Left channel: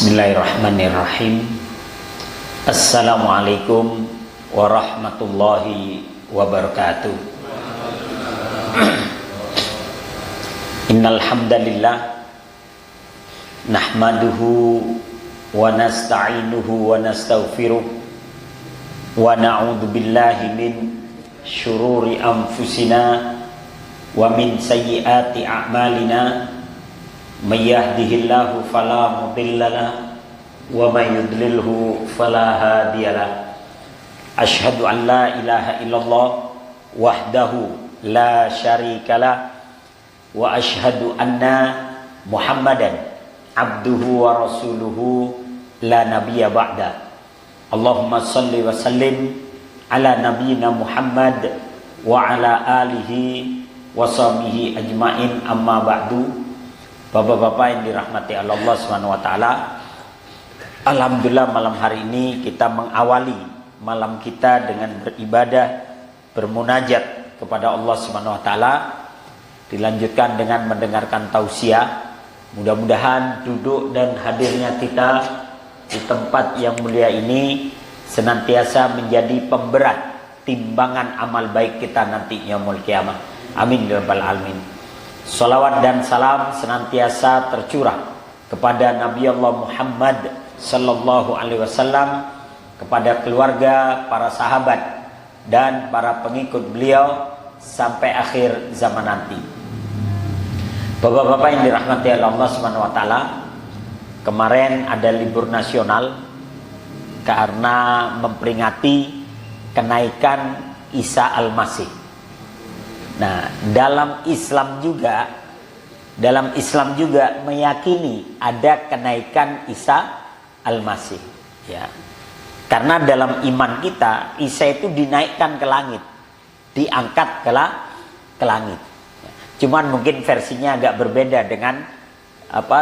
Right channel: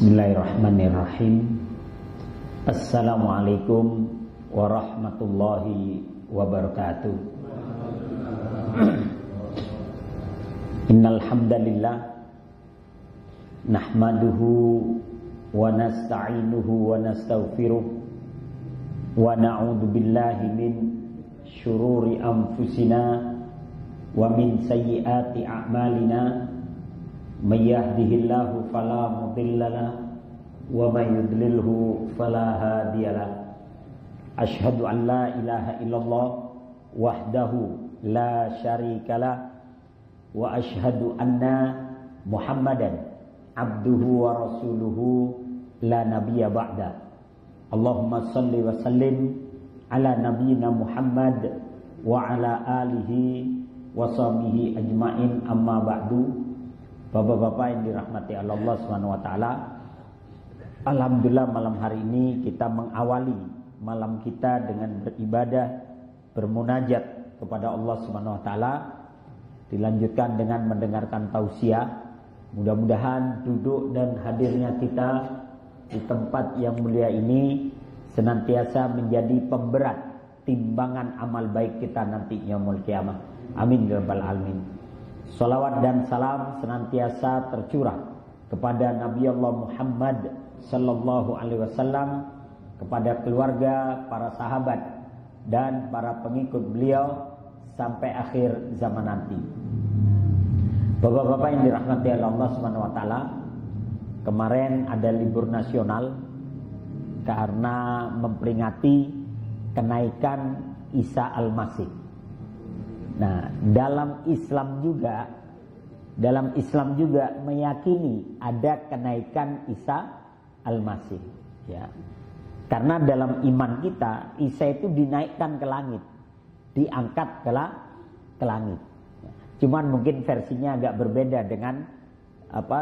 Bismillahirrahmanirrahim. Assalamualaikum warahmatullahi wabarakatuh. Innal hamdalillah nahmaduhu wa nasta'inuhu wa nastaghfiruh wa na'udzu billahi min syururi anfusina wa min sayyiati a'malina. May yahdihillahu fala mudhillalah wa may yudlilhu fala hadiyalah. Asyhadu an la ilaha illallah wahdahu la syarikalah wa asyhadu anna Muhammadan abduhu wa rasuluhu la nabiyya ba'da. Allahumma salli wa sallim ala nabiyyina Muhammad wa ala alihi wa sahbihi ajmain, amma ba'du. Bapak-bapak yang dirahmati Allah Subhanahu wa taala, alhamdulillah malam hari ini kita mengawali malam kita dengan beribadah, bermunajat kepada Allah Subhanahu wa taala, dilanjutkan dengan mendengarkan tausiah. Mudah-mudahan duduk dan hadirnya kita di tempat yang mulia ini senantiasa menjadi pemberat timbangan amal baik kita nanti yaumul kiamah. Amin ya rabbal alamin. Salawat dan salam senantiasa tercurah kepada Nabi Allah Muhammad sallallahu alaihi wasallam, kepada keluarga, para sahabat dan para pengikut beliau sampai akhir zaman nanti. Bapak-bapak yang dirahmati Allah Subhanahu wa taala, kemarin ada libur nasional karena memperingati kenaikan Isa Al-Masih. Nah, dalam Islam juga meyakini ada kenaikan Isa Al-Masih, ya. Karena dalam iman kita Isa itu dinaikkan ke langit, diangkat ke langit. Cuman mungkin versinya agak berbeda dengan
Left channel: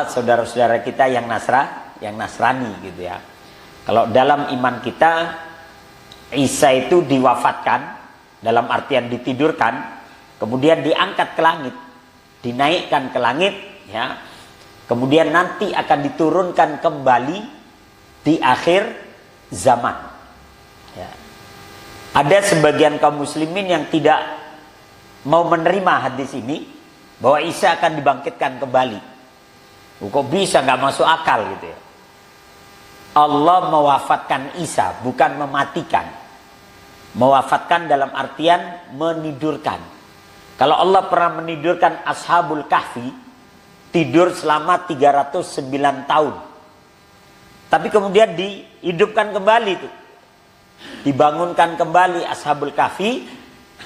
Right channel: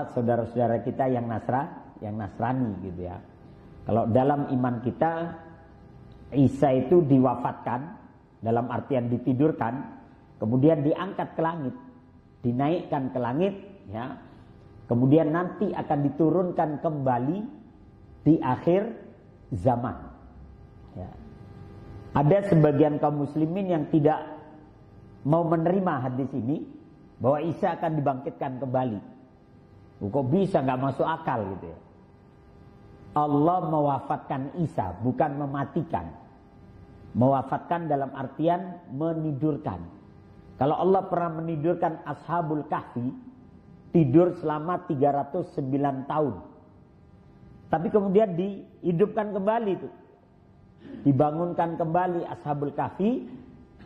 saudara-saudara kita yang Nasrani gitu ya. Kalau dalam iman kita Isa itu diwafatkan, dalam artian ditidurkan, kemudian diangkat ke langit, dinaikkan ke langit, ya. Kemudian nanti akan diturunkan kembali di akhir zaman. Ya. Ada sebagian kaum muslimin yang tidak mau menerima hadis ini, bahwa Isa akan dibangkitkan kembali. Kok bisa, nggak masuk akal gitu ya. Allah mewafatkan Isa, bukan mematikan. Mewafatkan dalam artian menidurkan. Kalau Allah pernah menidurkan Ashabul Kahfi, tidur selama 309 tahun. Tapi kemudian dihidupkan kembali itu. Dibangunkan kembali Ashabul Kahfi,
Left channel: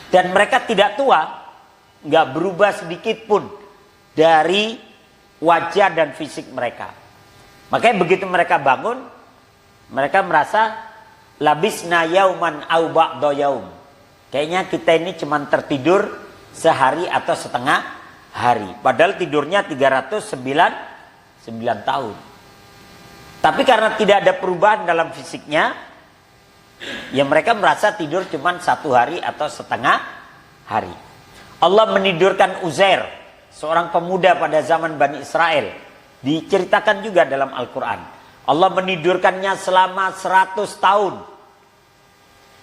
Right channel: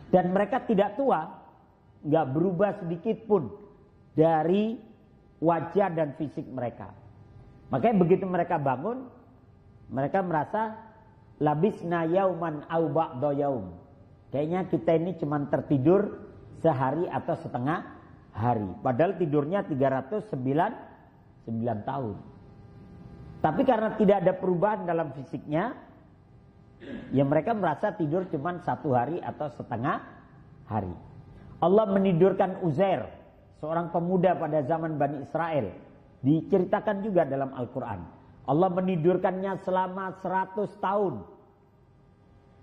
dan mereka tidak tua, nggak berubah sedikit pun dari wajah dan fisik mereka. Makanya begitu mereka bangun, mereka merasa labisna yauman au ba'da yaum. Kayaknya kita ini cuma tertidur sehari atau setengah hari. Padahal tidurnya 309 tahun. Tapi karena tidak ada perubahan dalam fisiknya, ya mereka merasa tidur cuma satu hari atau setengah hari. Allah menidurkan Uzair, seorang pemuda pada zaman Bani Israel. Diceritakan juga dalam Al-Quran. Allah menidurkannya selama 100 tahun.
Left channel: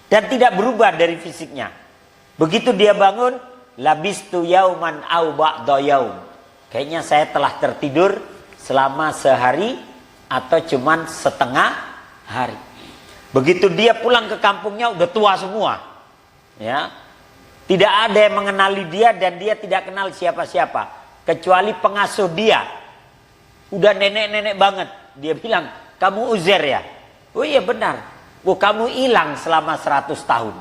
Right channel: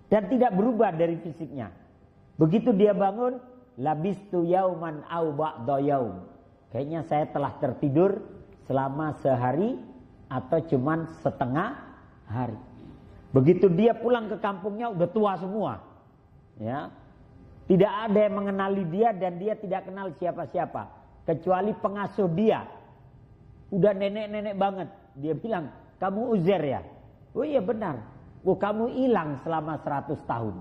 Dan tidak berubah dari fisiknya. Begitu dia bangun, labistu yauman au ba'da yaum. Kayaknya saya telah tertidur selama sehari atau cuman setengah hari. Begitu dia pulang ke kampungnya udah tua semua. Ya. Tidak ada yang mengenali dia dan dia tidak kenal siapa-siapa kecuali pengasuh dia. Udah nenek-nenek banget. Dia bilang, "Kamu Uzair ya?" "Oh iya benar." "Oh, kamu hilang selama 100 tahun."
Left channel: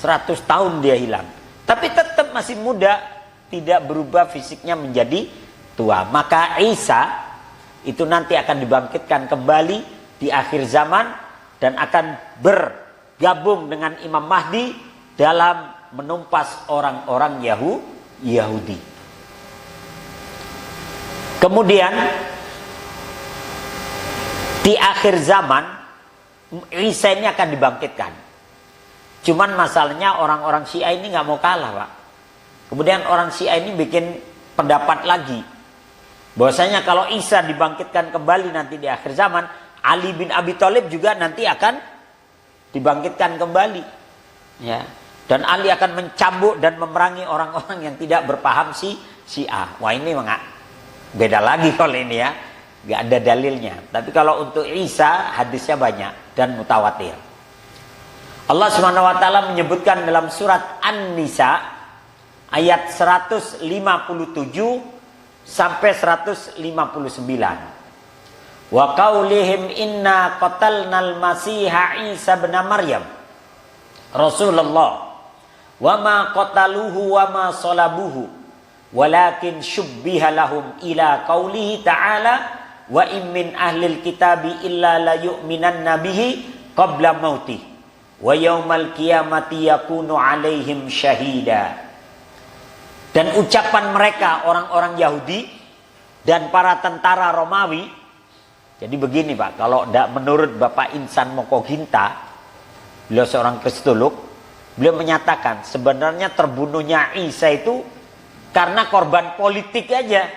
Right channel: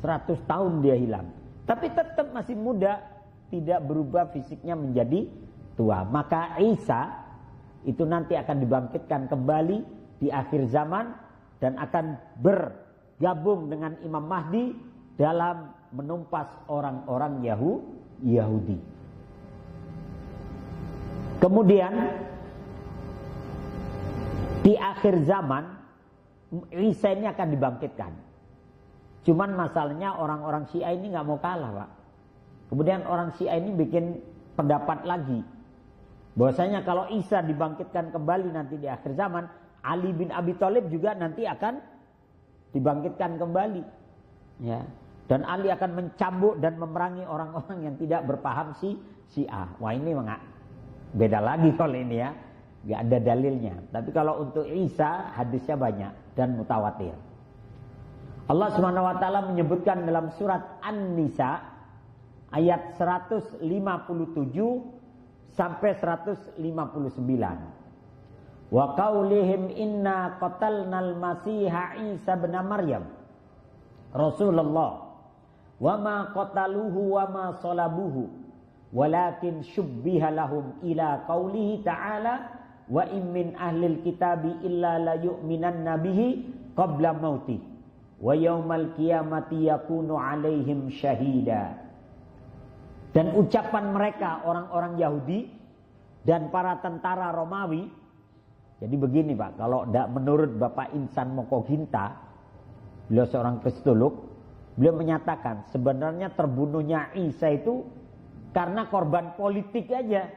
100 tahun dia hilang. Tapi tetap masih muda, tidak berubah fisiknya menjadi tua. Maka Isa itu nanti akan dibangkitkan kembali di akhir zaman dan akan bergabung dengan Imam Mahdi dalam menumpas orang-orang Yahudi. Kemudian di akhir zaman Isa ini akan dibangkitkan. Cuman masalahnya orang-orang Syiah ini nggak mau kalah, Pak. Kemudian orang Syiah ini bikin pendapat lagi. Bahwasanya kalau Isa dibangkitkan kembali nanti di akhir zaman, Ali bin Abi Thalib juga nanti akan dibangkitkan kembali. Ya. Dan Ali akan mencambuk dan memerangi orang-orang yang tidak berpaham Syiah. Wah, ini beda lagi kalau ini ya. Gak ada dalilnya. Tapi kalau untuk Isa hadisnya banyak dan mutawatir. Allah Subhanahu wa taala menyebutkan dalam surat An-Nisa ayat 157 sampai 159. Wa qaulihim inna qatalnal masiha Isa bin Maryam Rasulullah wa ma qataluhu wa ma salabuhu walakin syubbiha lahum ila qaulihi ta'ala wa in min ahlil kitabi illa la yu'minanna bihi qabla mautih wa yaumal qiyamati yakunu alaihim syahida. Dan ucapan mereka orang-orang Yahudi dan para tentara Romawi, jadi begini Pak, kalau menurut Bapak Insan Mokoginta, beliau seorang kristolog, beliau menyatakan sebenarnya terbunuhnya Isa itu karena korban politik aja.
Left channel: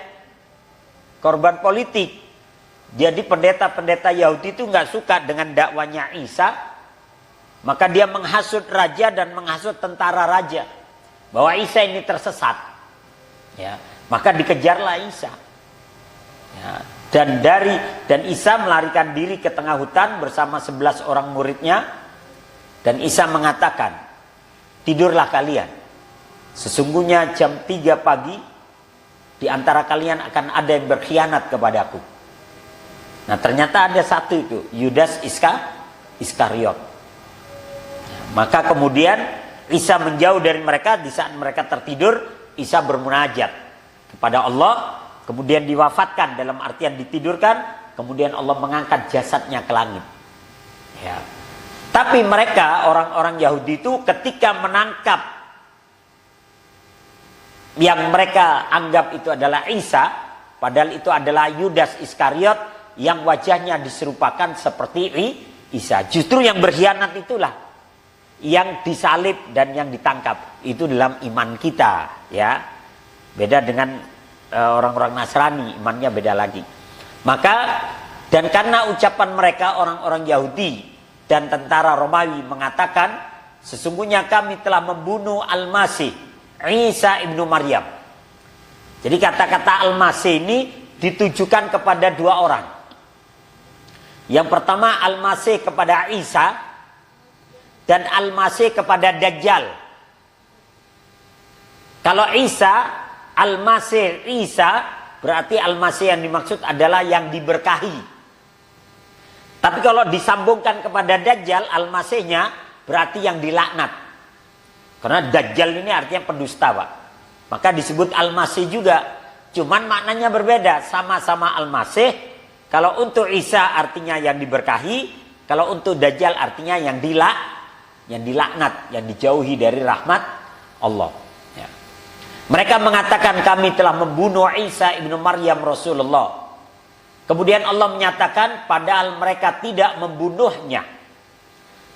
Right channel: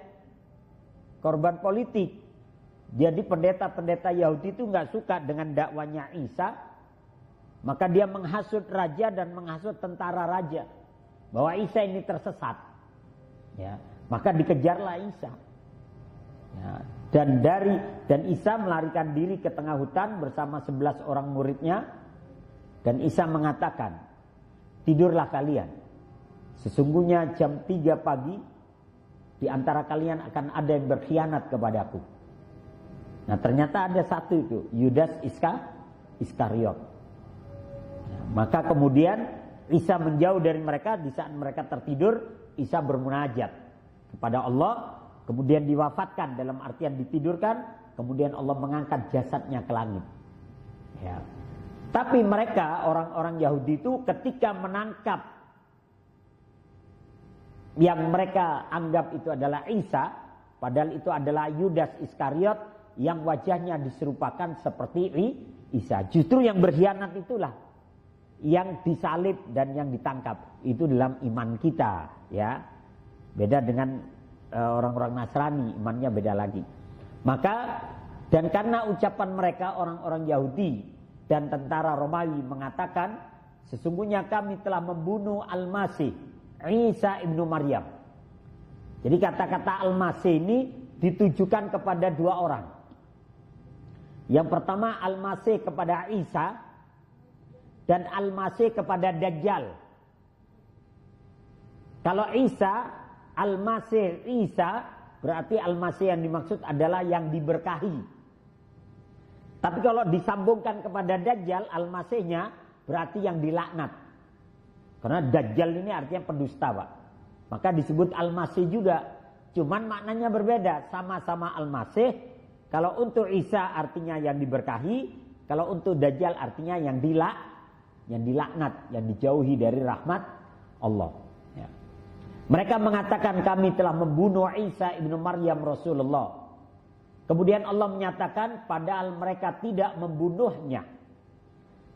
Korban politik. Jadi pendeta-pendeta Yahudi itu nggak suka dengan dakwanya Isa, maka dia menghasut raja dan menghasut tentara raja bahwa Isa ini tersesat. Ya, maka dikejarlah Isa. Ya, dan Isa melarikan diri ke tengah hutan bersama 11 orang muridnya, dan Isa mengatakan, tidurlah kalian. Sesungguhnya jam 3 pagi di antara kalian akan ada yang berkhianat kepadaku. Nah, ternyata ada satu itu, Yudas Iskariot. Maka kemudian Isa menjauh dari mereka. Di saat mereka tertidur, Isa bermunajat kepada Allah. Kemudian diwafatkan, dalam artian ditidurkan. Kemudian Allah mengangkat jasadnya ke langit. Ya. Tapi mereka, orang-orang Yahudi itu ketika menangkap yang mereka anggap itu adalah Isa, padahal itu adalah Yudas Iskariot yang wajahnya diserupakan seperti Isa. Justru yang berkhianat itulah yang disalib dan yang ditangkap. Itu dalam iman kita, ya. Beda dengan orang-orang Nasrani, imannya beda lagi. Maka, dan karena ucapan mereka orang-orang Yahudi dan tentara Romawi mengatakan, sesungguhnya kami telah membunuh Al-Masih Isa ibnu Maryam. Jadi kata-kata Al-Masih ini ditujukan kepada dua orang. Yang pertama Al-Masih kepada Isa, dan Al-Masih kepada Dajjal. Kalau Isa, Al-Masih Isa, berarti Al-Masih yang dimaksud adalah yang diberkahi. Tapi kalau disambungkan kepada Dajjal, Al-Masihnya berarti yang dilaknat. Karena Dajjal ini artinya pendusta, Pak. Maka disebut Al-Masih juga. Cuman maknanya berbeda, sama-sama Al-Masih. Kalau untuk Isa artinya yang diberkahi, kalau untuk Dajjal artinya yang dilaknat, yang dijauhi dari rahmat Allah. Ya. Mereka mengatakan kami telah membunuh Isa ibnu Maryam Rasulullah. Kemudian Allah menyatakan padahal mereka tidak membunuhnya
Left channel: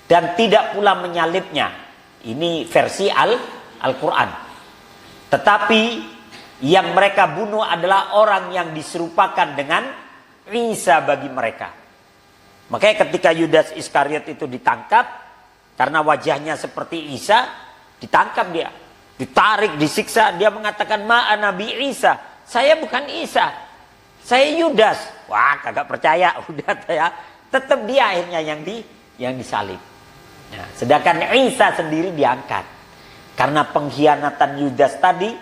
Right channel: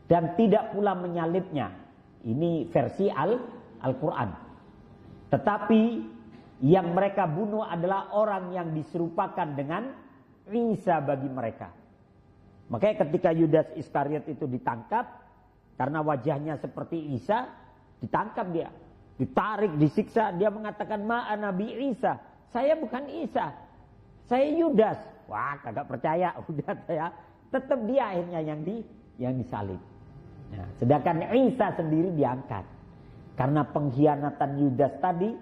dan tidak pula menyalibnya. Ini versi Al-Quran. Tetapi yang mereka bunuh adalah orang yang diserupakan dengan Isa bagi mereka. Makanya ketika Yudas Iskariot itu ditangkap, karena wajahnya seperti Isa, ditangkap dia, ditarik, disiksa. Dia mengatakan ma'ana bi Isa, saya bukan Isa, saya Yudas. Wah, kagak percaya, udah ya. Tetap dia akhirnya yang disalib. Ya, sedangkan Isa sendiri diangkat. Karena pengkhianatan Yudas tadi,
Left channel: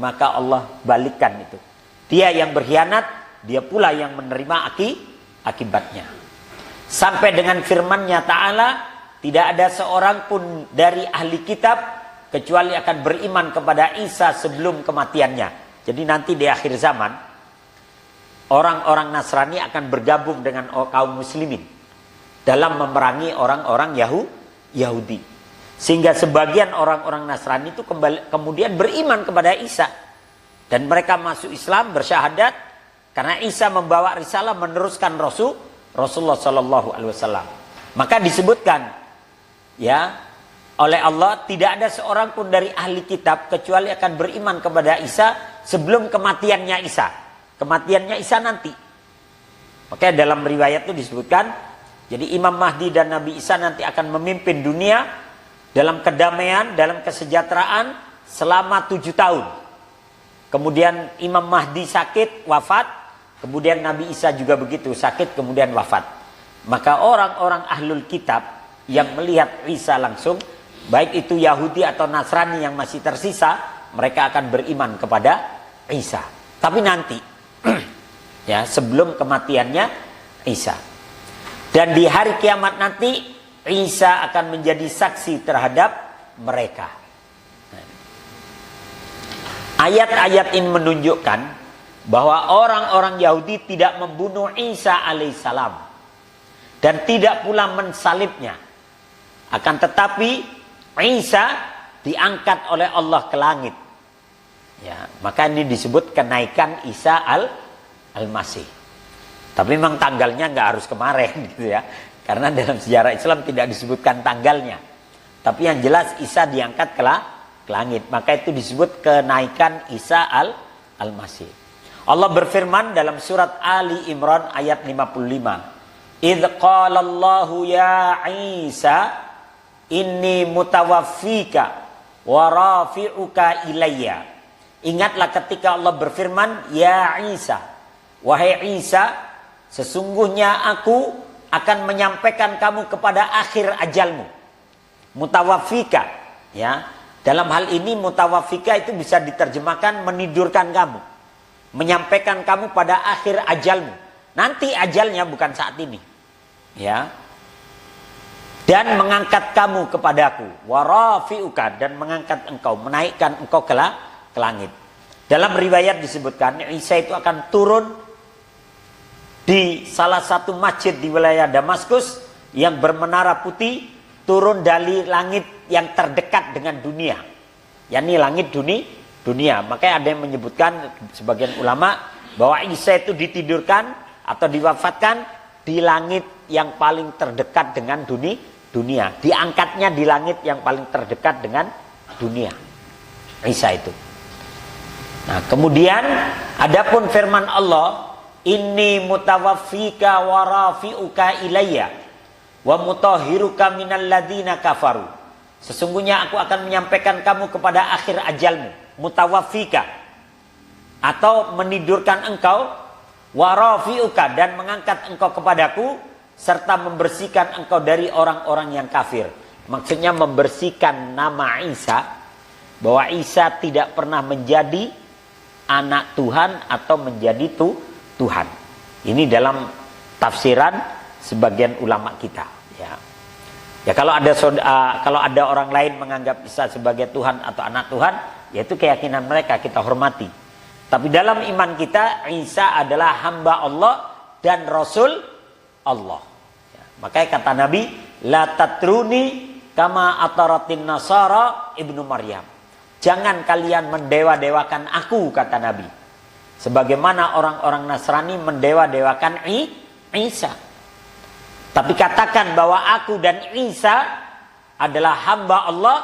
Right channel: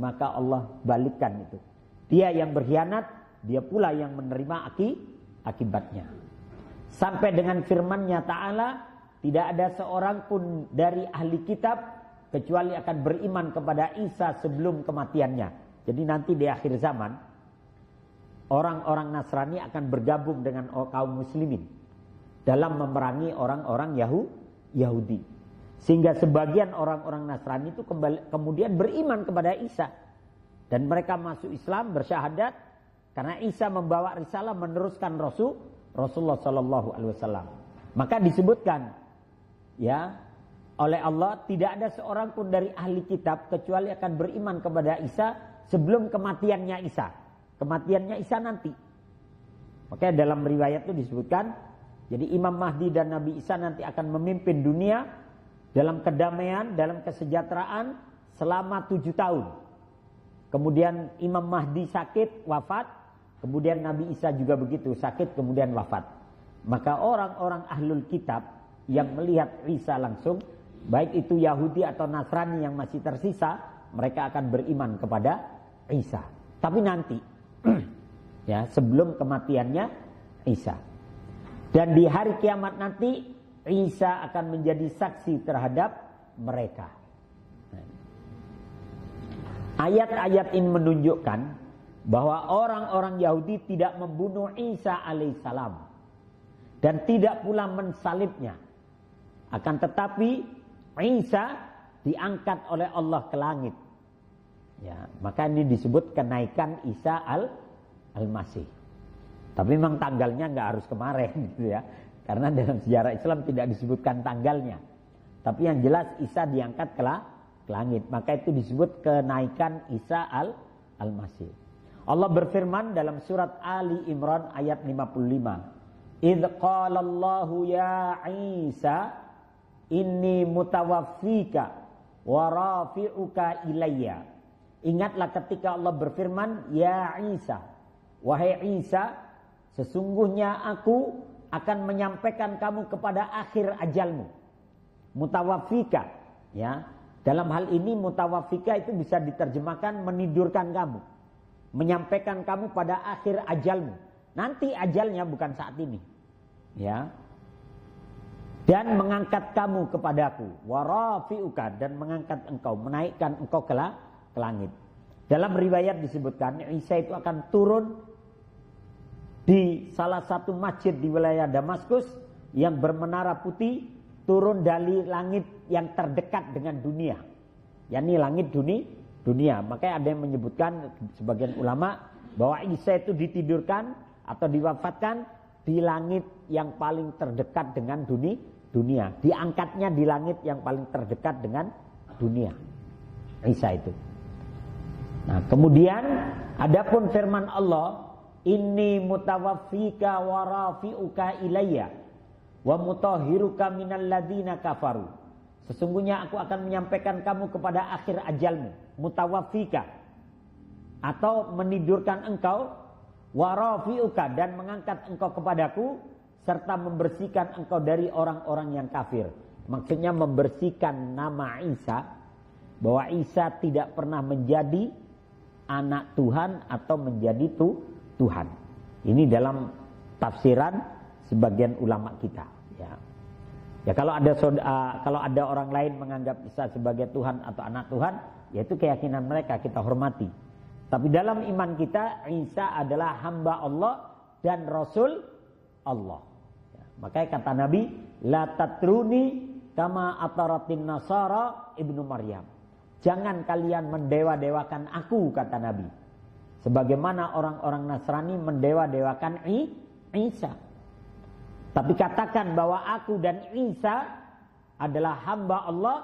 maka Allah balikkan itu. Dia yang berkhianat, dia pula yang menerima akibatnya. Sampai dengan firman-Nya Ta'ala, tidak ada seorang pun dari ahli kitab kecuali akan beriman kepada Isa sebelum kematiannya. Jadi nanti di akhir zaman, orang-orang Nasrani akan bergabung dengan kaum muslimin dalam memerangi orang-orang Yahudi. Sehingga sebagian orang-orang Nasrani itu kemudian beriman kepada Isa. Dan mereka masuk Islam, bersyahadat, karena Isa membawa risalah, meneruskan Rasulullah SAW. Maka disebutkan, ya, oleh Allah, tidak ada seorang pun dari ahli kitab kecuali akan beriman kepada Isa sebelum kematiannya Isa. kematiannya Isa nanti. Makanya dalam riwayat itu disebutkan, jadi Imam Mahdi dan Nabi Isa nanti akan memimpin dunia dalam kedamaian, dalam kesejahteraan selama 7 tahun. Kemudian Imam Mahdi sakit, wafat. Kemudian Nabi Isa juga begitu, sakit, kemudian wafat. Maka orang-orang ahlul kitab yang melihat Isa langsung, baik itu Yahudi atau Nasrani yang masih tersisa, mereka akan beriman kepada Isa. Tapi nanti, ya, sebelum kematiannya Isa. Dan di hari kiamat nanti, Isa akan menjadi saksi terhadap mereka. Ayat-ayat ini menunjukkan bahwa orang-orang Yahudi tidak membunuh Isa alaihissalam dan tidak pula mensalibnya. Akan tetapi Isa diangkat oleh Allah ke langit. Ya, maka ini disebut kenaikan Isa al-Masih. Tapi memang tanggalnya nggak harus kemarin gitu ya. Karena dalam sejarah Islam tidak disebutkan tanggalnya. Tapi yang jelas Isa diangkat ke langit. Maka itu disebut kenaikan Isa al-Masih. Allah berfirman dalam surat Ali Imran ayat 55. Idz qala Allahu ya Isa inni mutawaffika wa rafi'uka ilayya. Ingatlah ketika Allah berfirman, ya Isa, wahai Isa, sesungguhnya aku akan menyampaikan kamu kepada akhir ajalmu. Mutawaffika, ya. Dalam hal ini mutawaffika itu bisa diterjemahkan menidurkan kamu, menyampaikan kamu pada akhir ajalmu. Nanti ajalnya bukan saat ini, ya. Dan mengangkat kamu kepadaku, warafiuka, dan mengangkat engkau, menaikkan engkau ke langit. Dalam riwayat disebutkan Isa itu akan turun di salah satu masjid di wilayah Damaskus yang bermenara putih, turun dari langit yang terdekat dengan dunia, yakni langit dunia. Makanya ada yang menyebutkan sebagian ulama bahwa Isa itu ditidurkan atau diwafatkan di langit yang paling terdekat dengan dunia. Diangkatnya di langit yang paling terdekat dengan dunia, Isa itu. Nah, kemudian adapun firman Allah, inni mutawaffika wa rafi'uka ilayya wa mutahhiruka minal ladzina kafaru. Sesungguhnya aku akan menyampaikan kamu kepada akhir ajalmu, mutawaffika, atau menidurkan engkau, wa rafi'uka, dan mengangkat engkau kepadaku, serta membersihkan engkau dari orang-orang yang kafir. Maksudnya membersihkan nama Isa, bahwa Isa tidak pernah menjadi anak Tuhan atau menjadi Tuhan. Ini dalam tafsiran sebagian ulama kita, ya. Ya, kalau ada orang lain menganggap Isa sebagai Tuhan atau anak Tuhan, yaitu keyakinan mereka, kita hormati. Tapi dalam iman kita, Isa adalah hamba Allah dan Rasul Allah. Ya, makanya kata Nabi, la tatruni kama ataratin nasara ibnu Maryam. Jangan kalian mendewa-dewakan aku, kata Nabi, sebagaimana orang-orang Nasrani mendewa-dewakan Isa. Tapi katakan bahwa aku dan Isa adalah hamba Allah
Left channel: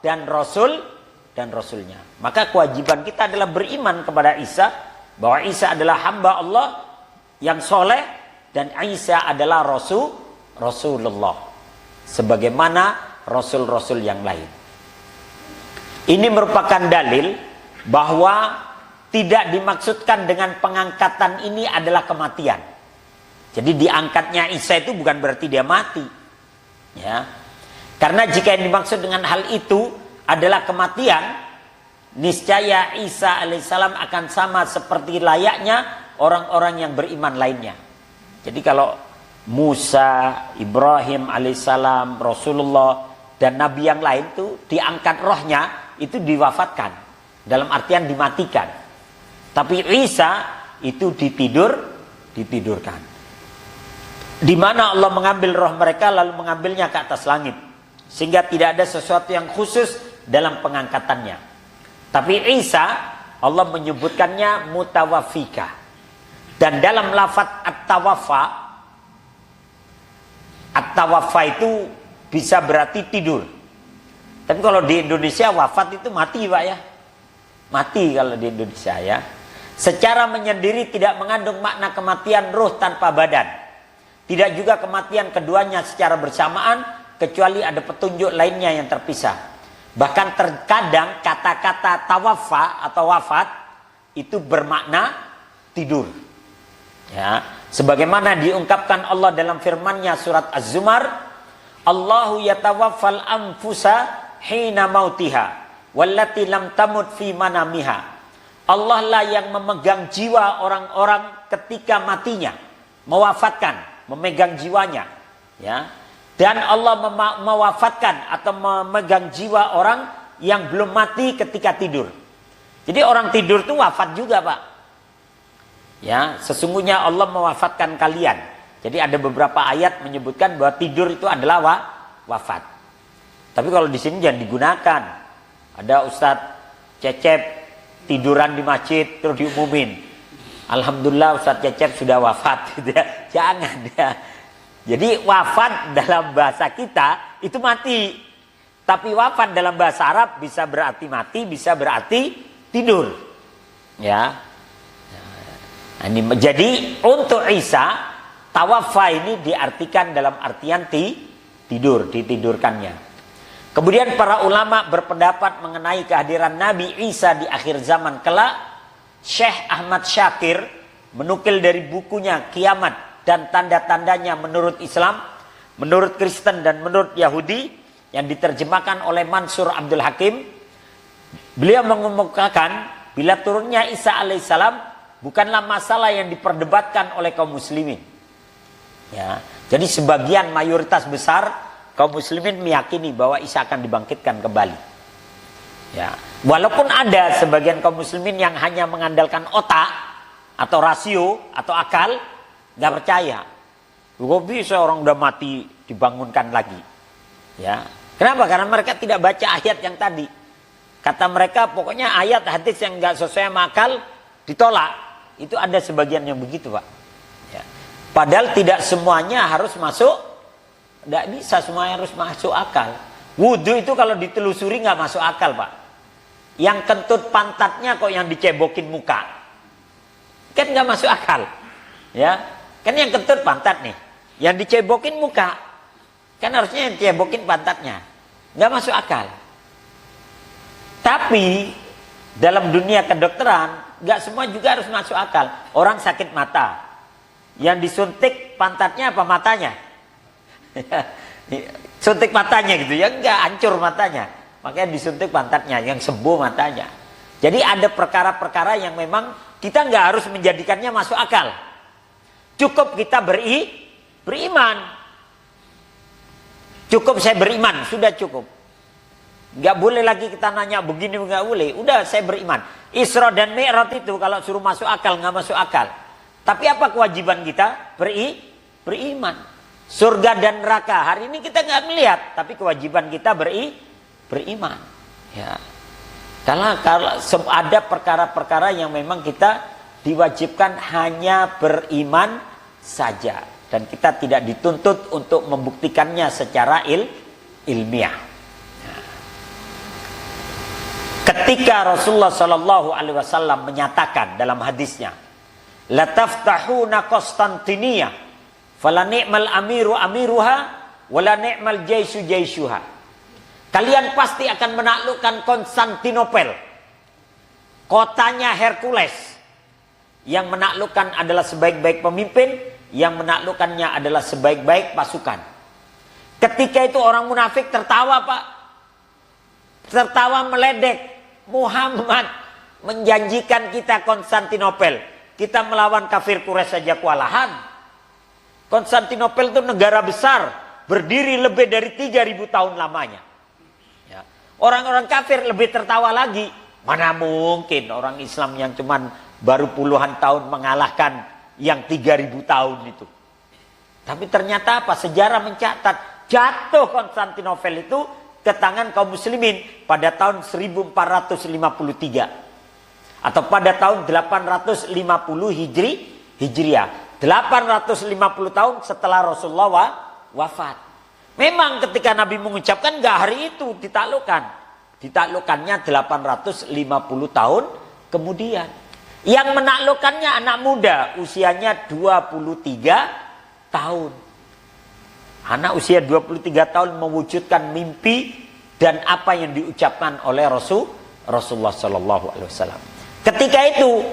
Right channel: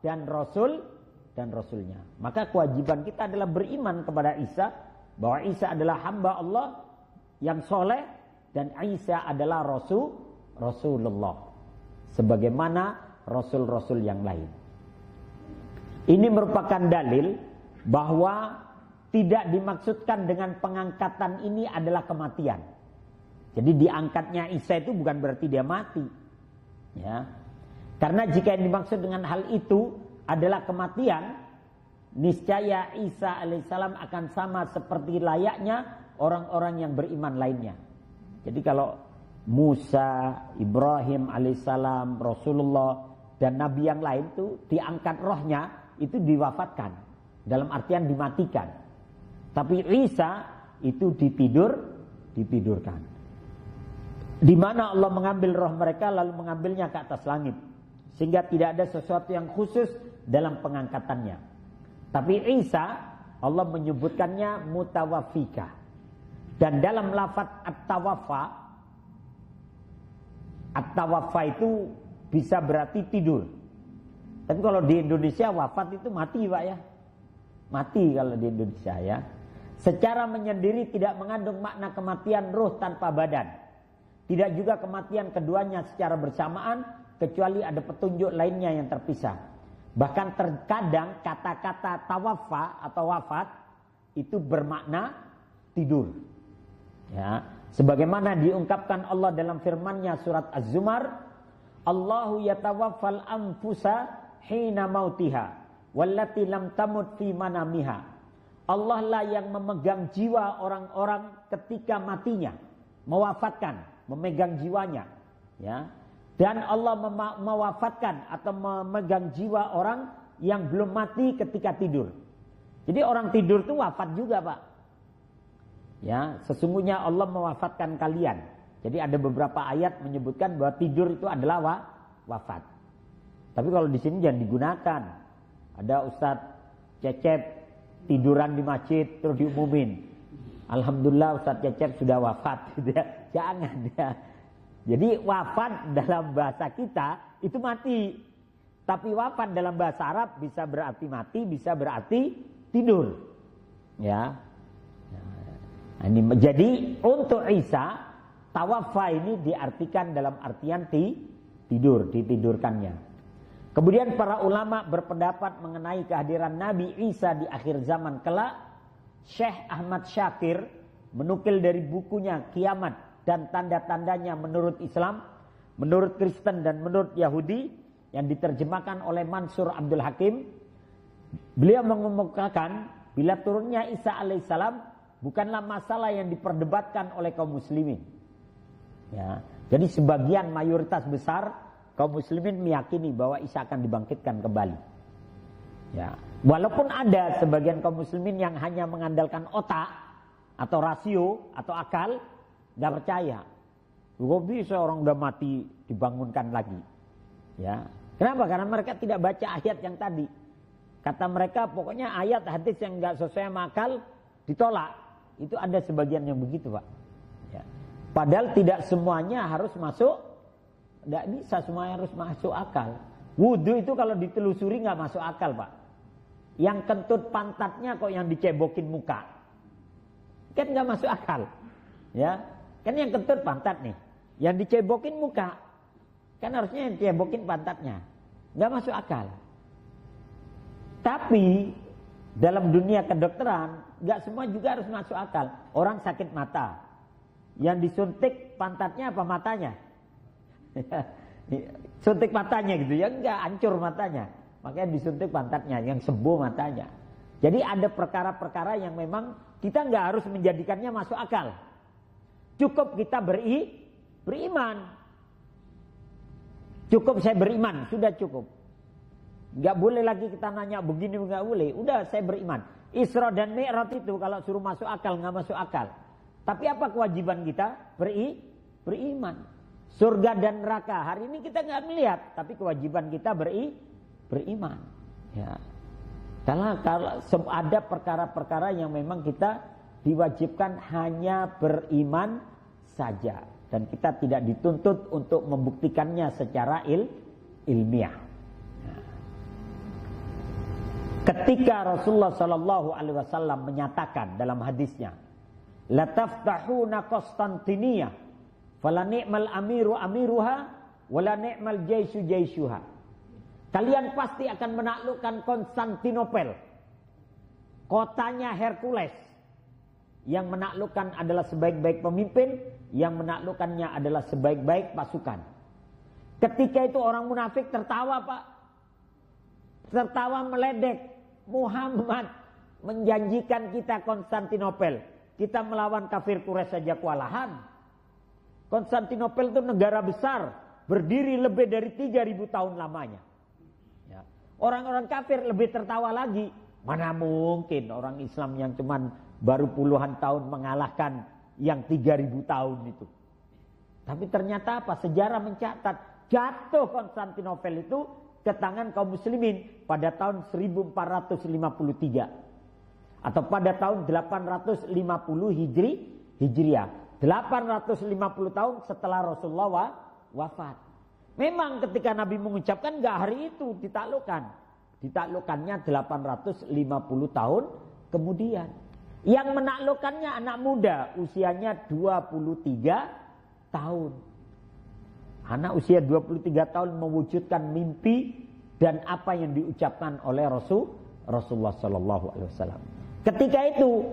dan Rasulnya. Maka kewajiban kita adalah beriman kepada Isa, bahwa Isa adalah hamba Allah yang soleh, dan Isa adalah Rasulullah, sebagaimana Rasul-Rasul yang lain. Ini merupakan dalil bahwa tidak dimaksudkan dengan pengangkatan ini adalah kematian. Jadi diangkatnya Isa itu bukan berarti dia mati, ya. Karena jika yang dimaksud dengan hal itu adalah kematian, niscaya Isa alaihissalam akan sama seperti layaknya orang-orang yang beriman lainnya. Jadi kalau Musa, Ibrahim alaihissalam, Rasulullah, dan Nabi yang lain itu diangkat rohnya, itu diwafatkan, dalam artian dimatikan. Tapi Isa itu ditidurkan. Di mana Allah mengambil roh mereka lalu mengambilnya ke atas langit, sehingga tidak ada sesuatu yang khusus dalam pengangkatannya. Tapi Isa, Allah menyebutkannya mutawaffika. Dan dalam lafaz at-tawaffa itu bisa berarti tidur. Tapi kalau di Indonesia wafat itu mati, Pak, ya. Mati kalau di Indonesia, ya. Secara menyendiri tidak mengandung makna kematian ruh tanpa badan. Tidak juga kematian keduanya secara bersamaan, kecuali ada petunjuk lainnya yang terpisah. Bahkan terkadang kata-kata tawaffa atau wafat itu bermakna tidur. Ya, sebagaimana diungkapkan Allah dalam firman-Nya surat Az-Zumar, Allahu yatawaffal anfusa hina mautiha wallati lam tamut fi manamiha. Allah lah yang memegang jiwa orang-orang ketika matinya, mewafatkan, memegang jiwanya, ya. Dan Allah mewafatkan atau memegang jiwa orang yang belum mati ketika tidur. Jadi orang tidur itu wafat juga, Pak. Ya, sesungguhnya Allah mewafatkan kalian. Jadi ada beberapa ayat menyebutkan bahwa tidur itu adalah wafat. Tapi kalau di sini jangan digunakan. Ada Ustadz Cecep tiduran di masjid terus diumumin, alhamdulillah Ustadz Cecep sudah wafat, gitu ya. Jangan ya. Jadi wafat dalam bahasa kita itu mati, tapi wafat dalam bahasa Arab bisa berarti mati, bisa berarti tidur, ya. Nah, ini jadi untuk Isa tawaffa ini diartikan dalam artian tidur, ditidurkannya. Kemudian para ulama berpendapat mengenai kehadiran Nabi Isa di akhir zaman kelak. Syekh Ahmad Syakir menukil dari bukunya Kiamat dan Tanda-tandanya menurut Islam, menurut Kristen dan menurut Yahudi yang diterjemahkan oleh Mansur Abdul Hakim. Beliau mengemukakan bila turunnya Isa alaihissalam bukanlah masalah yang diperdebatkan oleh kaum muslimin. Ya, jadi sebagian mayoritas besar kaum muslimin meyakini bahwa Isa akan dibangkitkan kembali. Ya, walaupun ada sebagian kaum muslimin yang hanya mengandalkan otak atau rasio atau akal, nggak percaya. Kok bisa orang udah mati dibangunkan lagi? Ya, kenapa? Karena mereka tidak baca ayat yang tadi. Kata mereka pokoknya ayat hadis yang nggak sesuai sama akal ditolak. Itu ada sebagian yang begitu, Pak. Ya. Padahal tidak semuanya harus masuk. Tidak bisa semuanya harus masuk akal. Wudhu itu kalau ditelusuri nggak masuk akal, Pak. Yang kentut pantatnya kok yang dicebokin muka, kan nggak masuk akal, ya. Kan yang kentut pantat nih, yang dicebokin muka, kan harusnya yang dicebokin pantatnya, nggak masuk akal. Tapi dalam dunia kedokteran nggak semua juga harus masuk akal. Orang sakit mata, yang disuntik pantatnya apa matanya? Suntik matanya gitu ya, enggak, hancur matanya, makanya disuntik pantatnya, yang sembuh matanya. Jadi ada perkara-perkara yang memang kita nggak harus menjadikannya masuk akal. Cukup kita beriman. Cukup saya beriman, sudah cukup. Nggak boleh lagi kita nanya begini, nggak boleh. Udah saya beriman. Isra dan Mi'raj itu kalau suruh masuk akal nggak masuk akal. Tapi apa kewajiban kita? Beriman. Surga dan neraka hari ini kita nggak melihat, tapi kewajiban kita beriman. Ya. Kalau ada perkara-perkara yang memang kita diwajibkan hanya beriman saja, dan kita tidak dituntut untuk membuktikannya secara ilmiah. Ya. Ketika Rasulullah Shallallahu Alaihi Wasallam menyatakan dalam hadisnya, la taftahuna Konstantinia fala ni'mal amiru amiruha wala ni'mal jaisu jaisuha. Kalian pasti akan menaklukkan Konstantinopel, kotanya Hercules. Yang menaklukkan adalah sebaik-baik pemimpin, yang menaklukkannya adalah sebaik-baik pasukan. Ketika itu orang munafik tertawa, Pak. Tertawa meledek. Muhammad menjanjikan kita Konstantinopel, kita melawan kafir Quraisy saja kewalahan. Konstantinopel itu negara besar, berdiri lebih dari 3000 tahun lamanya. Ya. Orang-orang kafir lebih tertawa lagi. Mana mungkin orang Islam yang cuman baru puluhan tahun mengalahkan yang 3000 tahun itu. Tapi ternyata apa? Sejarah mencatat jatuh Konstantinopel itu ke tangan kaum muslimin pada tahun 1453. Atau pada tahun 850 Hijriah. 850 tahun setelah Rasulullah wafat. Memang ketika Nabi mengucapkan nggak hari itu ditaklukkan. Ditaklukkannya 850 tahun kemudian. Yang menaklukkannya anak muda, usianya 23 tahun. Anak usia 23 tahun mewujudkan mimpi dan apa yang diucapkan oleh Rasulullah SAW. Ketika itu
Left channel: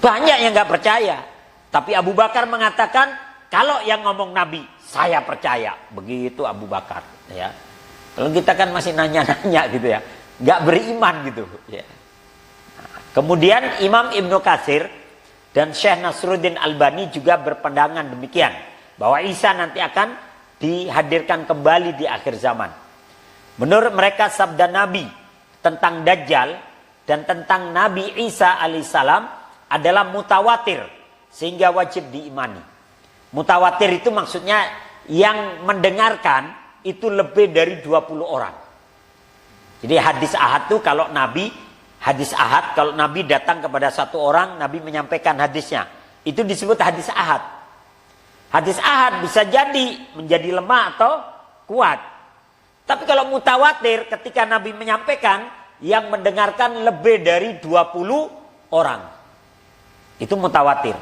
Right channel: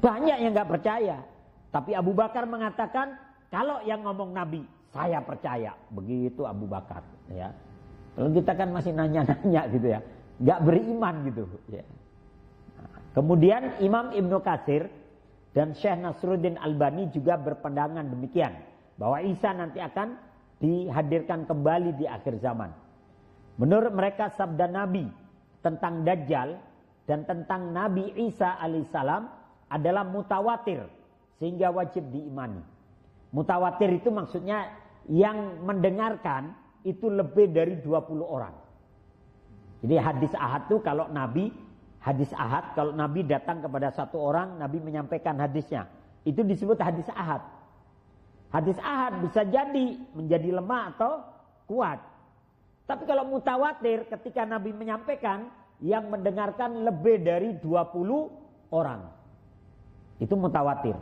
banyak yang nggak percaya, tapi Abu Bakar mengatakan kalau yang ngomong Nabi saya percaya. Begitu Abu Bakar. Ya. Kalau kita kan masih nanya-nanya gitu ya, nggak beriman gitu. Ya. Kemudian Imam Ibnu Katsir dan Syekh Nasruddin Albani juga berpandangan demikian, bahwa Isa nanti akan dihadirkan kembali di akhir zaman. Menurut mereka sabda Nabi tentang Dajjal dan tentang Nabi Isa alaihissalam adalah mutawatir, sehingga wajib diimani. Mutawatir itu maksudnya yang mendengarkan itu lebih dari 20 orang. Jadi hadis ahad itu kalau Nabi hadis ahad, kalau Nabi datang kepada satu orang, Nabi menyampaikan hadisnya, itu disebut hadis ahad. Hadis ahad bisa jadi menjadi lemah atau kuat. Tapi kalau mutawatir, ketika Nabi menyampaikan, yang mendengarkan lebih dari 20 orang. Itu mutawatir.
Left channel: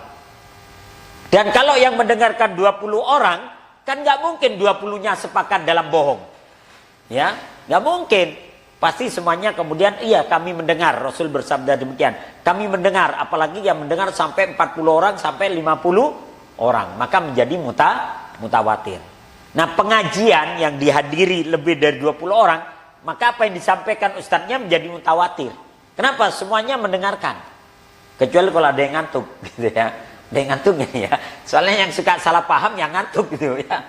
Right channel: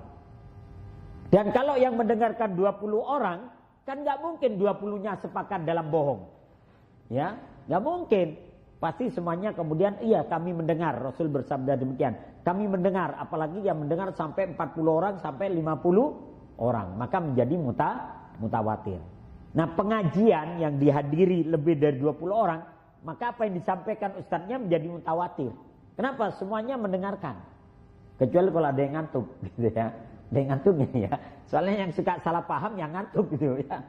Dan kalau yang mendengarkan 20 orang, kan nggak mungkin 20-nya sepakat dalam bohong. Ya, nggak mungkin. Pasti semuanya kemudian iya kami mendengar, Rasul bersabda demikian. Kami mendengar, apalagi yang mendengar sampai 40 orang sampai 50 orang, maka menjadi mutawatir. Nah, pengajian yang dihadiri lebih dari 20 orang, maka apa yang disampaikan ustadznya menjadi mutawatir. Kenapa? Semuanya mendengarkan. Kecuali kalau ada yang ngantuk gitu ya. Ada yang ngantuk ya. Soalnya yang suka salah paham yang ngantuk gitu ya.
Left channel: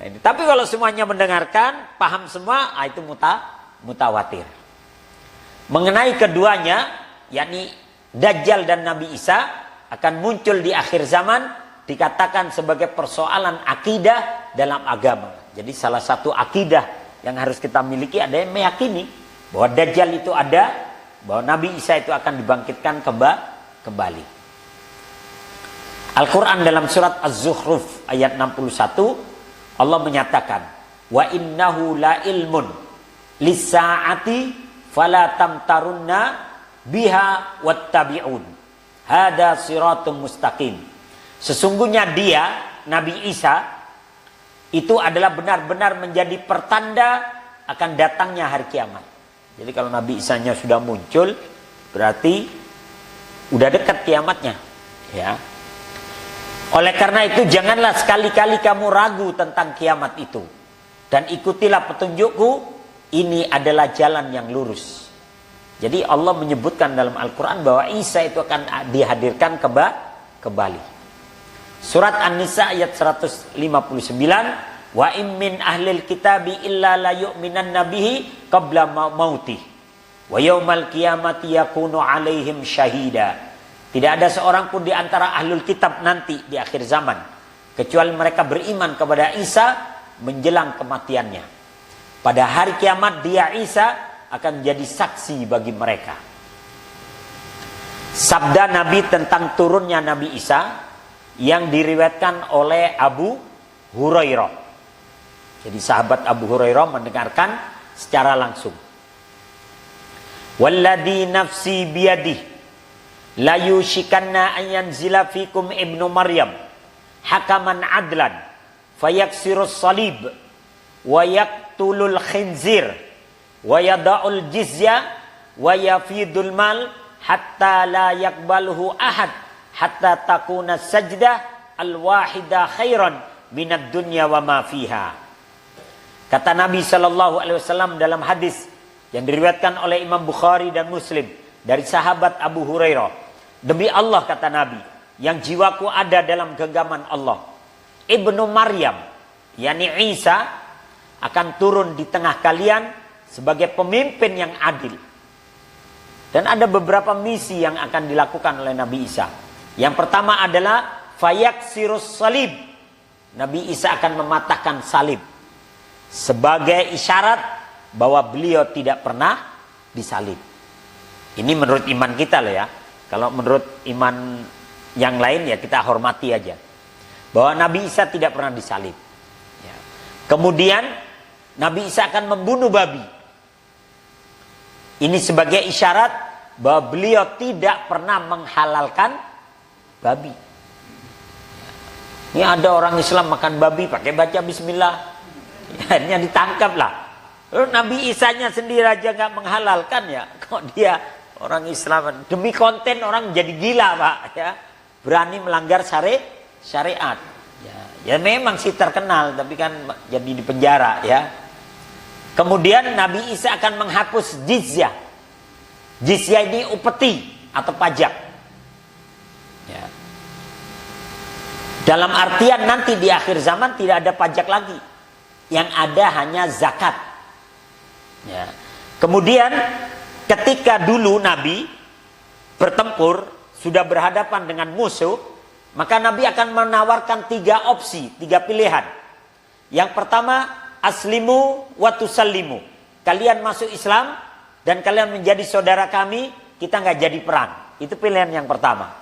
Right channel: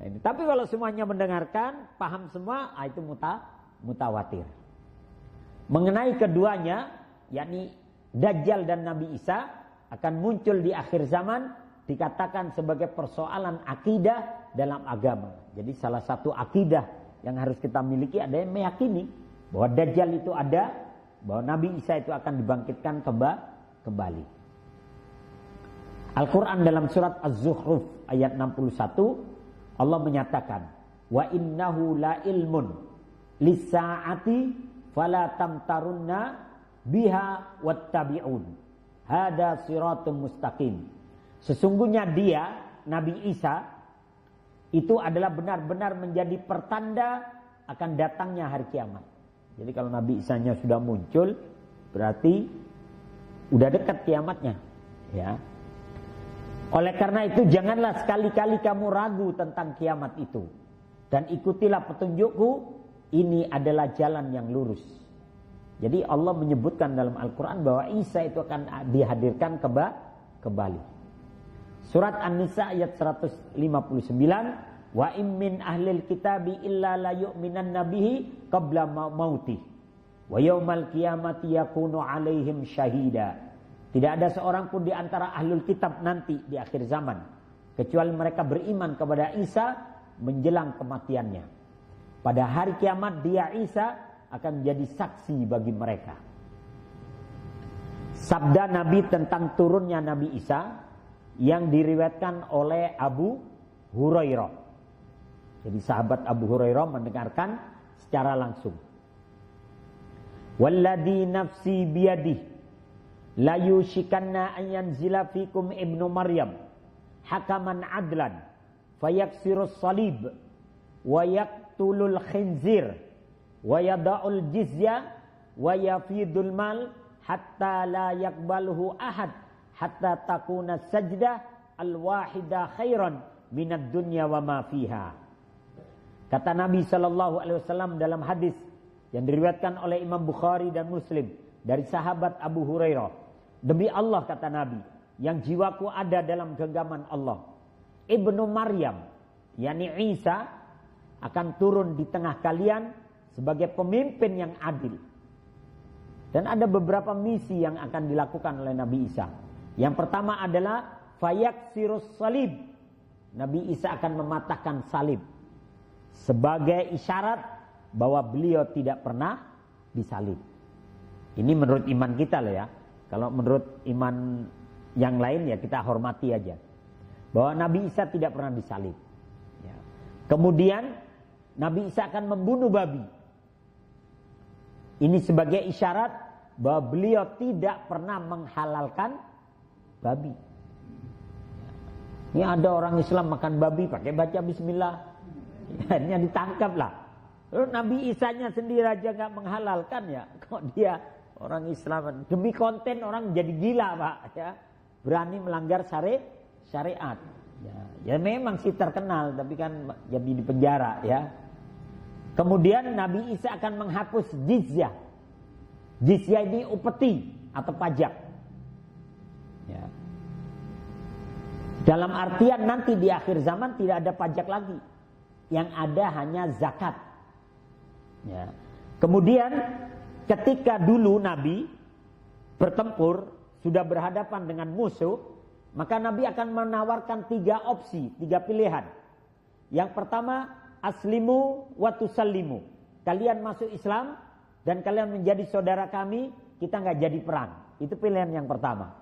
Nah, ini. Tapi kalau semuanya mendengarkan, paham semua, itu mutawatir. Mengenai keduanya, yakni Dajjal dan Nabi Isa akan muncul di akhir zaman, dikatakan sebagai persoalan akidah dalam agama. Jadi salah satu akidah yang harus kita miliki ada yang meyakini bahwa Dajjal itu ada, bahwa Nabi Isa itu akan dibangkitkan kembali. Al-Quran dalam surat Az-Zukhruf ayat 61 Allah menyatakan, wa innahu la ilmun lisa'ati fala tamtarunna biha wattabi'un hada siratum mustaqim. Sesungguhnya dia, Nabi Isa, itu adalah benar-benar menjadi pertanda akan datangnya hari kiamat. Jadi kalau Nabi Isa-nya sudah muncul, berarti udah dekat kiamatnya. Ya. Oleh karena itu janganlah sekali-kali kamu ragu tentang kiamat itu. Dan ikutilah petunjukku, ini adalah jalan yang lurus. Jadi Allah menyebutkan dalam Al-Quran bahwa Isa itu akan dihadirkan kembali. Surat An-Nisa ayat 159, wa im min ahlil kitabi illa la yu'minan nabihi qabla mautih wa yaumal qiyamati yakunu alaihim syahida. Tidak ada seorang pun di antara ahlul kitab nanti di akhir zaman kecuali mereka beriman kepada Isa menjelang kematiannya. Pada hari kiamat dia Isa akan menjadi saksi bagi mereka. Sabda Nabi tentang turunnya Nabi Isa yang diriwayatkan oleh Abu Hurairah. Jadi sahabat Abu Hurairah mendengarkan secara langsung. Walladzi nafsi biyadihi la yushikanna an yanzila fikum ibnu Maryam hakaman adlan fayaksirus salib wa yaqtulul khinzir wa yada'ul jizya wa yafidul mal hatta la yakbaluhu ahad hatta takuna sajdah al-wahida khairan minad dunya wa ma fiha. Kata Nabi SAW dalam hadis yang diriwayatkan oleh Imam Bukhari dan Muslim dari sahabat Abu Hurairah, demi Allah kata Nabi yang jiwaku ada dalam genggaman Allah, Ibnu Maryam yakni Isa akan turun di tengah kalian sebagai pemimpin yang adil. Dan ada beberapa misi yang akan dilakukan oleh Nabi Isa. Yang pertama adalah fayaksirus salib. Nabi Isa akan mematahkan salib sebagai isyarat bahwa beliau tidak pernah disalib. Ini menurut iman kita loh ya. Kalau menurut iman yang lain ya kita hormati aja. Bahwa Nabi Isa tidak pernah disalib. Ya. Kemudian Nabi Isa akan membunuh babi. Ini sebagai isyarat bahwa beliau tidak pernah menghalalkan babi. Ini ada orang Islam makan babi pakai baca bismillah. Akhirnya ditangkap lah. Lalu Nabi Isa-nya sendiri aja nggak menghalalkan ya. Kok dia orang Islam demi konten orang jadi gila Pak ya. Berani melanggar syariat. Ya memang sih terkenal tapi kan jadi di penjara ya. Kemudian Nabi Isa akan menghapus jizyah. Jizyah ini upeti atau pajak. Ya. Dalam artian nanti di akhir zaman tidak ada pajak lagi. Yang ada hanya zakat. Ya. Kemudian ketika dulu Nabi bertempur, sudah berhadapan dengan musuh, maka Nabi akan menawarkan 3 opsi, 3 pilihan. Yang pertama, aslimu wa tusallimu. Kalian masuk Islam dan kalian menjadi saudara kami, kita nggak jadi perang. Itu pilihan yang pertama.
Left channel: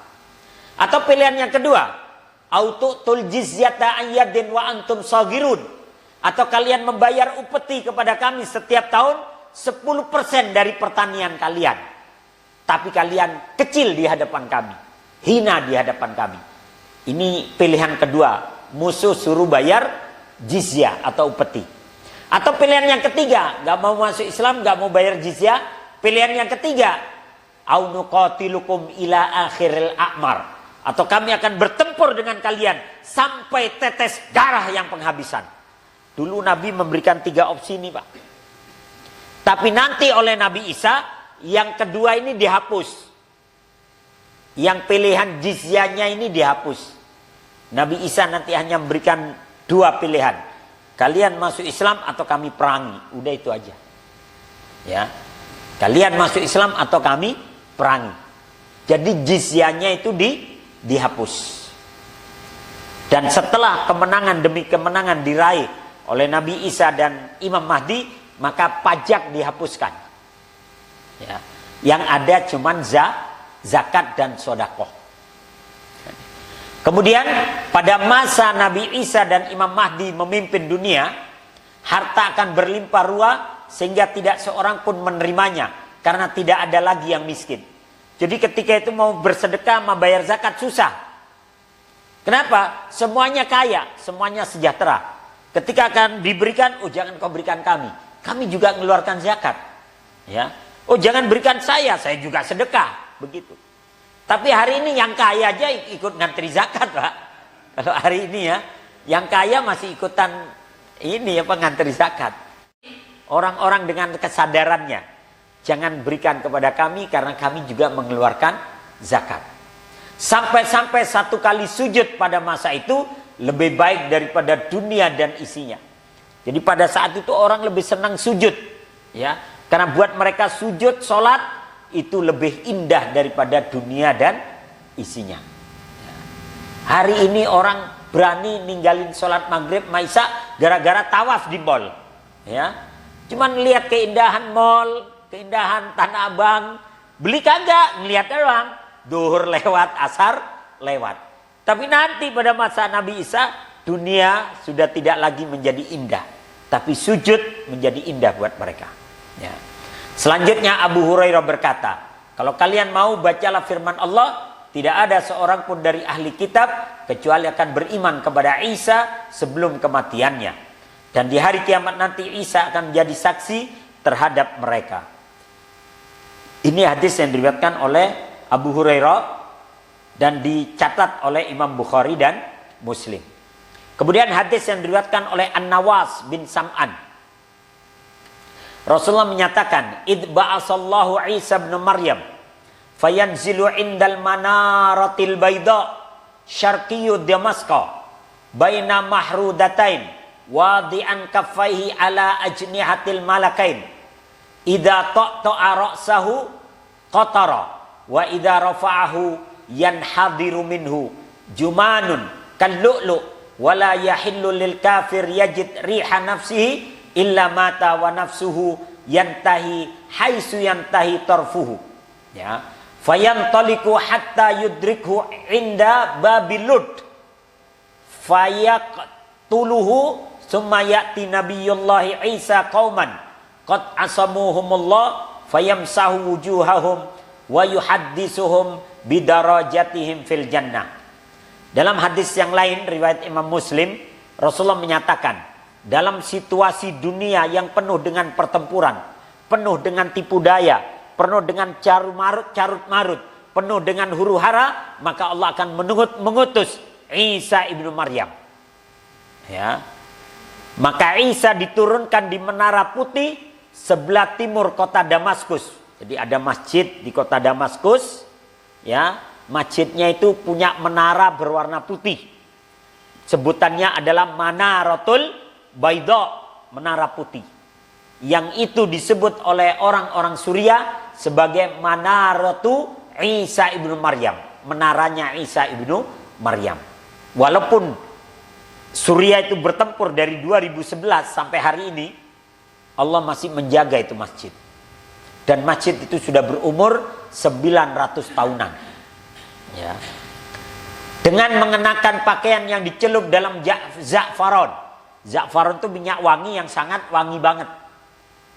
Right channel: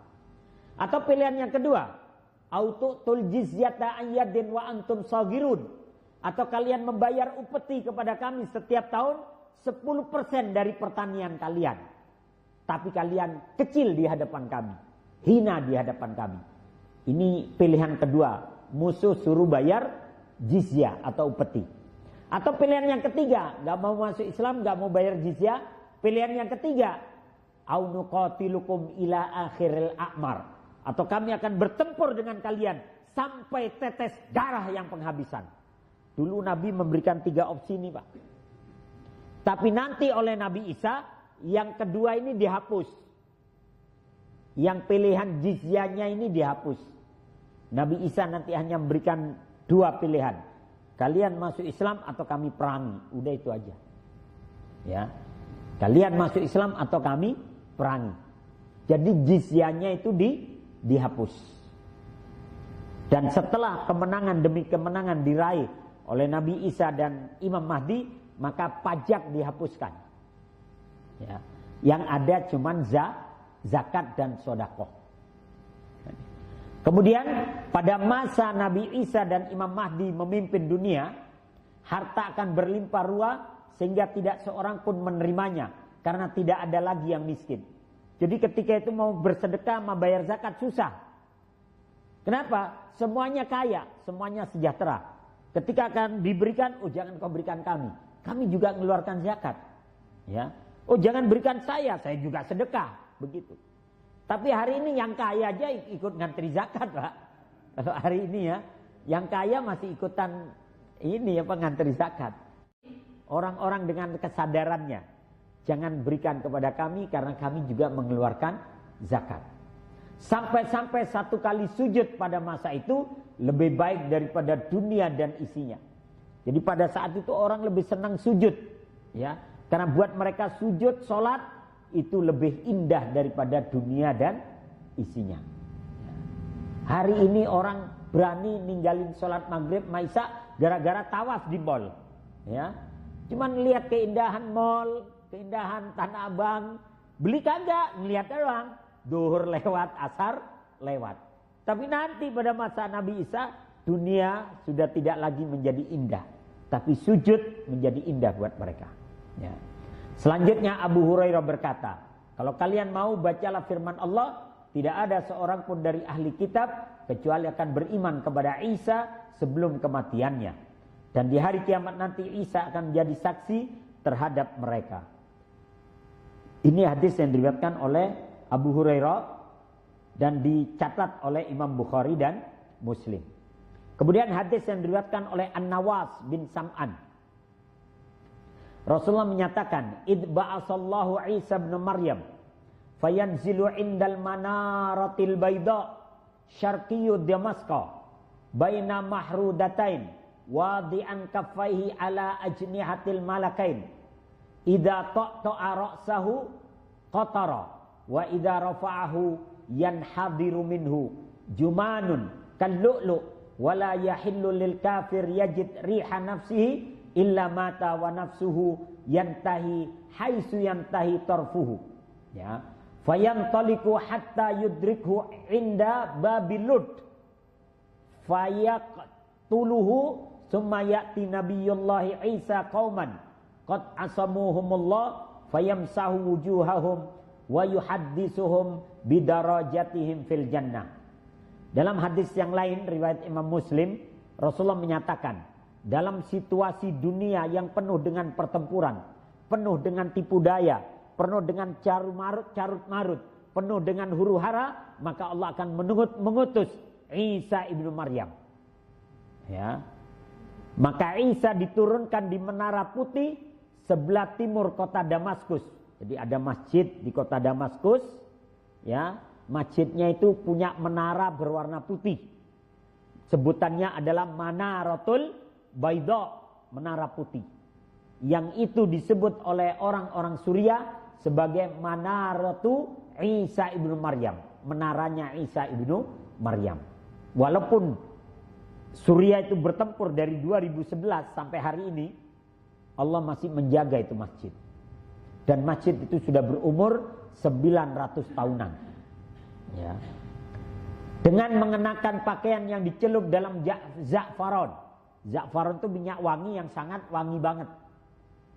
Atau pilihan yang kedua, autu'tul jizyata ayyadin wa antum saghirun. Atau kalian membayar upeti kepada kami setiap tahun 10% dari pertanian kalian. Tapi kalian kecil di hadapan kami, hina di hadapan kami. Ini pilihan kedua, musuh suruh bayar jizyah atau upeti. Atau pilihan yang ketiga, gak mau masuk Islam, gak mau bayar jizyah. Pilihan yang ketiga, au nuqatilukum ila akhiril a'mar. Atau kami akan bertempur dengan kalian sampai tetes darah yang penghabisan. Dulu Nabi memberikan 3 opsi ini Pak. Tapi nanti oleh Nabi Isa, yang kedua ini dihapus. Yang pilihan jizyahnya ini dihapus. Nabi Isa nanti hanya memberikan 2 pilihan. Kalian masuk Islam atau kami perangi. Udah itu aja. Ya. Kalian masuk Islam atau kami perangi. Jadi jizyahnya itu dihapus. Dan setelah kemenangan demi kemenangan diraih oleh Nabi Isa dan Imam Mahdi, maka pajak dihapuskan. Ya. Yang ada cuman zakat dan sedekah. Kemudian pada masa Nabi Isa dan Imam Mahdi memimpin dunia, harta akan berlimpah ruah sehingga tidak seorang pun menerimanya karena tidak ada lagi yang miskin. Jadi ketika itu mau bersedekah, mau bayar zakat susah. Kenapa? Semuanya kaya, semuanya sejahtera. Ketika akan diberikan, oh jangan kau berikan kami. Kami juga mengeluarkan zakat. Ya. Oh jangan berikan saya juga sedekah. Begitu. Tapi hari ini yang kaya aja ikut ngantri zakat Pak. Kalau hari ini ya, yang kaya masih ikutan ini ngantri zakat. Orang-orang dengan kesadarannya, jangan berikan kepada kami karena kami juga mengeluarkan zakat. Sampai-sampai 1 kali sujud pada masa itu lebih baik daripada dunia dan isinya. Jadi pada saat itu orang lebih senang sujud, ya, karena buat mereka sujud, sholat itu lebih indah daripada dunia dan isinya. Ya. Hari ini orang berani ninggalin sholat maghrib, maisha gara-gara tawaf di mall, ya. Cuman lihat keindahan mall, keindahan Tanah Abang, beli kagak, ngelihat doang. Duhur lewat, asar lewat. Tapi nanti pada masa Nabi Isa, dunia sudah tidak lagi menjadi indah. Tapi sujud menjadi indah buat mereka. Ya. Selanjutnya Abu Hurairah berkata, kalau kalian mau bacalah firman Allah, tidak ada seorang pun dari ahli kitab kecuali akan beriman kepada Isa sebelum kematiannya. Dan di hari kiamat nanti Isa akan menjadi saksi terhadap mereka. Ini hadis yang diriwayatkan oleh Abu Hurairah dan dicatat oleh Imam Bukhari dan Muslim. Kemudian hadis yang diriwayatkan oleh An-Nawas bin Sam'an. Rasulullah menyatakan, "Id ba'asallahu Isa bin Maryam fayanzilu indal manaratil bayda syarqiyyu Damasqa baina mahrudatain wadi'an kaffaihi ala ajnihatil malakain idza ta'ta'a ra'sahu qatara wa idza rafa'ahu yanhadiru minhu jumanun kallu'lu wala yahillu lil kafir yajid riha nafsihi illa mata wa nafsuhu yantahi haitsu yantahi tarfuhu." Ya, fayantaliku hatta yudrikhu inda babil lut fayaqtuluhu summa ya'ti nabiyullahi Isa qauman qad asamuhumullah fayamsahu wujuhahum wa yuhadditsuhum bidarajatihim fil jannah. Dalam hadis yang lain riwayat Imam Muslim, Rasulullah menyatakan, dalam situasi dunia yang penuh dengan pertempuran, penuh dengan tipu daya, penuh dengan carut marut, penuh dengan huru hara, maka Allah akan mengutus Isa ibnu Maryam. Ya. Maka Isa diturunkan di Menara Putih sebelah timur kota Damaskus. Jadi ada masjid di kota Damaskus, ya. Masjidnya itu punya menara berwarna putih. Sebutannya adalah Manaratul Baidha, menara putih. Yang itu disebut oleh orang-orang Suriah sebagai Manaratu Isa ibnu Maryam, menaranya Isa ibnu Maryam. Walaupun Suriah itu bertempur dari 2011 sampai hari ini, Allah masih menjaga itu masjid. Dan masjid itu sudah berumur 900 tahunan. Ya. Dengan mengenakan pakaian yang dicelup dalam za'faron. Za'faron itu minyak wangi yang sangat wangi banget.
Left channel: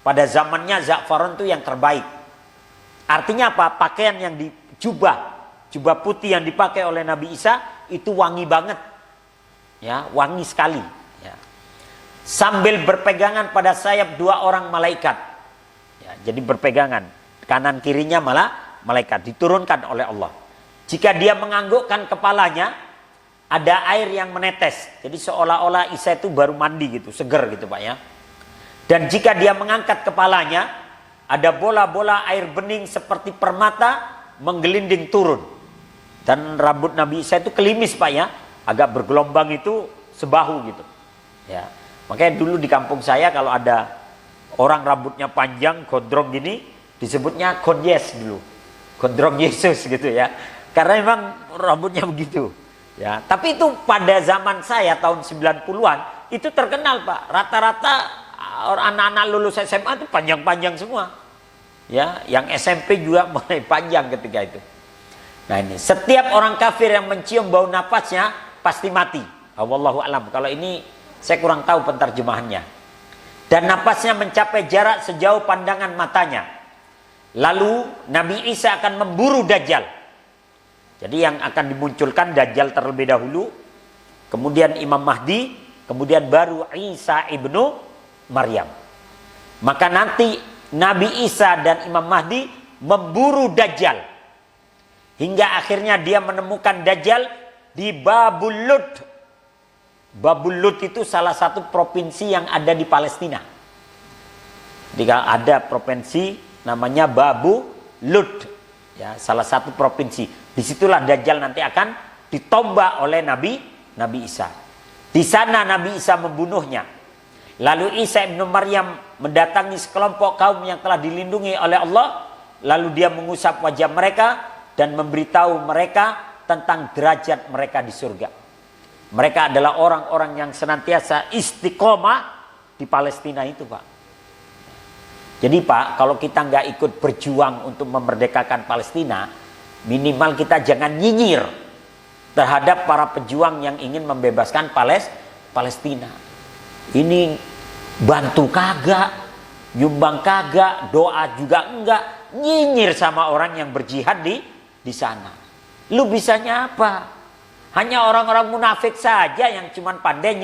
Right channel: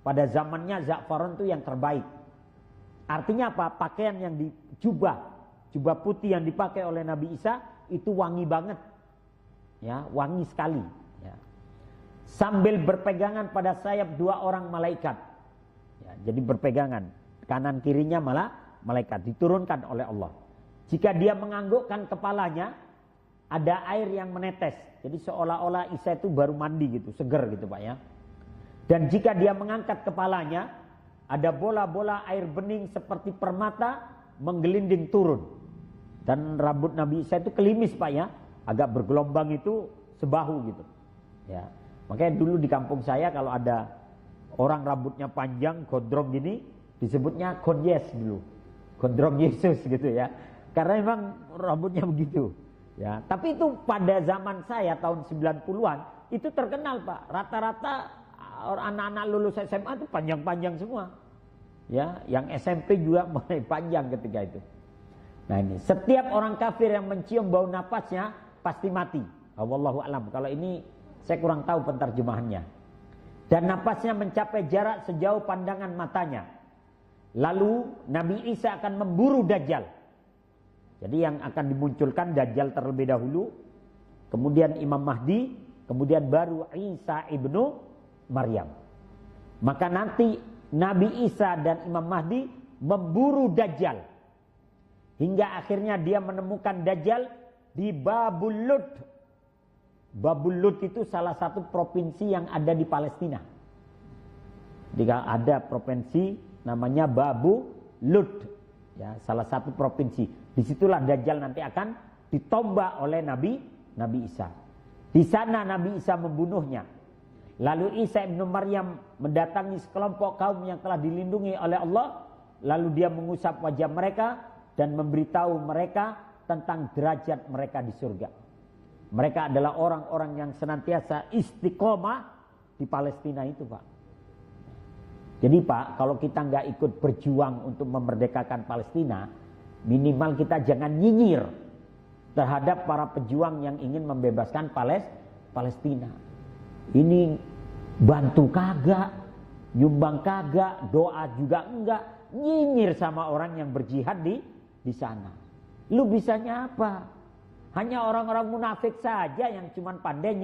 Pada zamannya za'faron itu yang terbaik. Artinya apa? Pakaian yang jubah putih yang dipakai oleh Nabi Isa itu wangi banget. Ya, wangi sekali. Ya. Sambil berpegangan pada sayap 2 orang malaikat. Ya, jadi berpegangan. Kanan kirinya malah malaikat diturunkan oleh Allah. Jika dia menganggukkan kepalanya, ada air yang menetes. Jadi seolah-olah Isa itu baru mandi gitu, seger gitu Pak ya. Dan jika dia mengangkat kepalanya, ada bola-bola air bening seperti permata menggelinding turun. Dan rambut Nabi Isa itu kelimis Pak ya, agak bergelombang itu sebahu gitu. Ya. Makanya dulu di kampung saya kalau ada orang rambutnya panjang, gondrong gini, disebutnya Gonyes dulu. Gondrong Yesus gitu ya. Karena memang rambutnya begitu. Ya, tapi itu pada zaman saya tahun 90-an itu terkenal Pak. Rata-rata anak-anak lulus SMA itu panjang-panjang semua. Ya, yang SMP juga mulai panjang ketika itu. Nah ini, setiap orang kafir yang mencium bau napasnya pasti mati. Wallahu a'lam. Kalau ini saya kurang tahu penterjemahannya. Dan napasnya mencapai jarak sejauh pandangan matanya. Lalu Nabi Isa akan memburu Dajjal. Jadi yang akan dimunculkan Dajjal terlebih dahulu, kemudian Imam Mahdi, kemudian baru Isa ibnu Maryam. Maka nanti Nabi Isa dan Imam Mahdi memburu Dajjal. Hingga akhirnya dia menemukan Dajjal di Babul Lud. Babul Lud itu salah satu provinsi yang ada di Palestina. Jadi ada provinsi namanya Babul Lud. Ya, salah satu provinsi. Disitulah Dajjal nanti akan ditombak oleh Nabi Isa. Di sana Nabi Isa membunuhnya. Lalu Isa ibnu Maryam mendatangi sekelompok kaum yang telah dilindungi oleh Allah. Lalu dia mengusap wajah mereka dan memberitahu mereka tentang derajat mereka di surga. Mereka adalah orang-orang yang senantiasa istiqomah di Palestina itu Pak. Jadi Pak, kalau kita nggak ikut berjuang untuk memerdekakan Palestina, minimal kita jangan nyinyir terhadap para pejuang yang ingin membebaskan Palestina. Ini bantu kagak, nyumbang kagak, doa juga enggak, nyinyir sama orang yang berjihad di sana. Lu bisanya apa? Hanya orang-orang munafik saja yang cuman pandai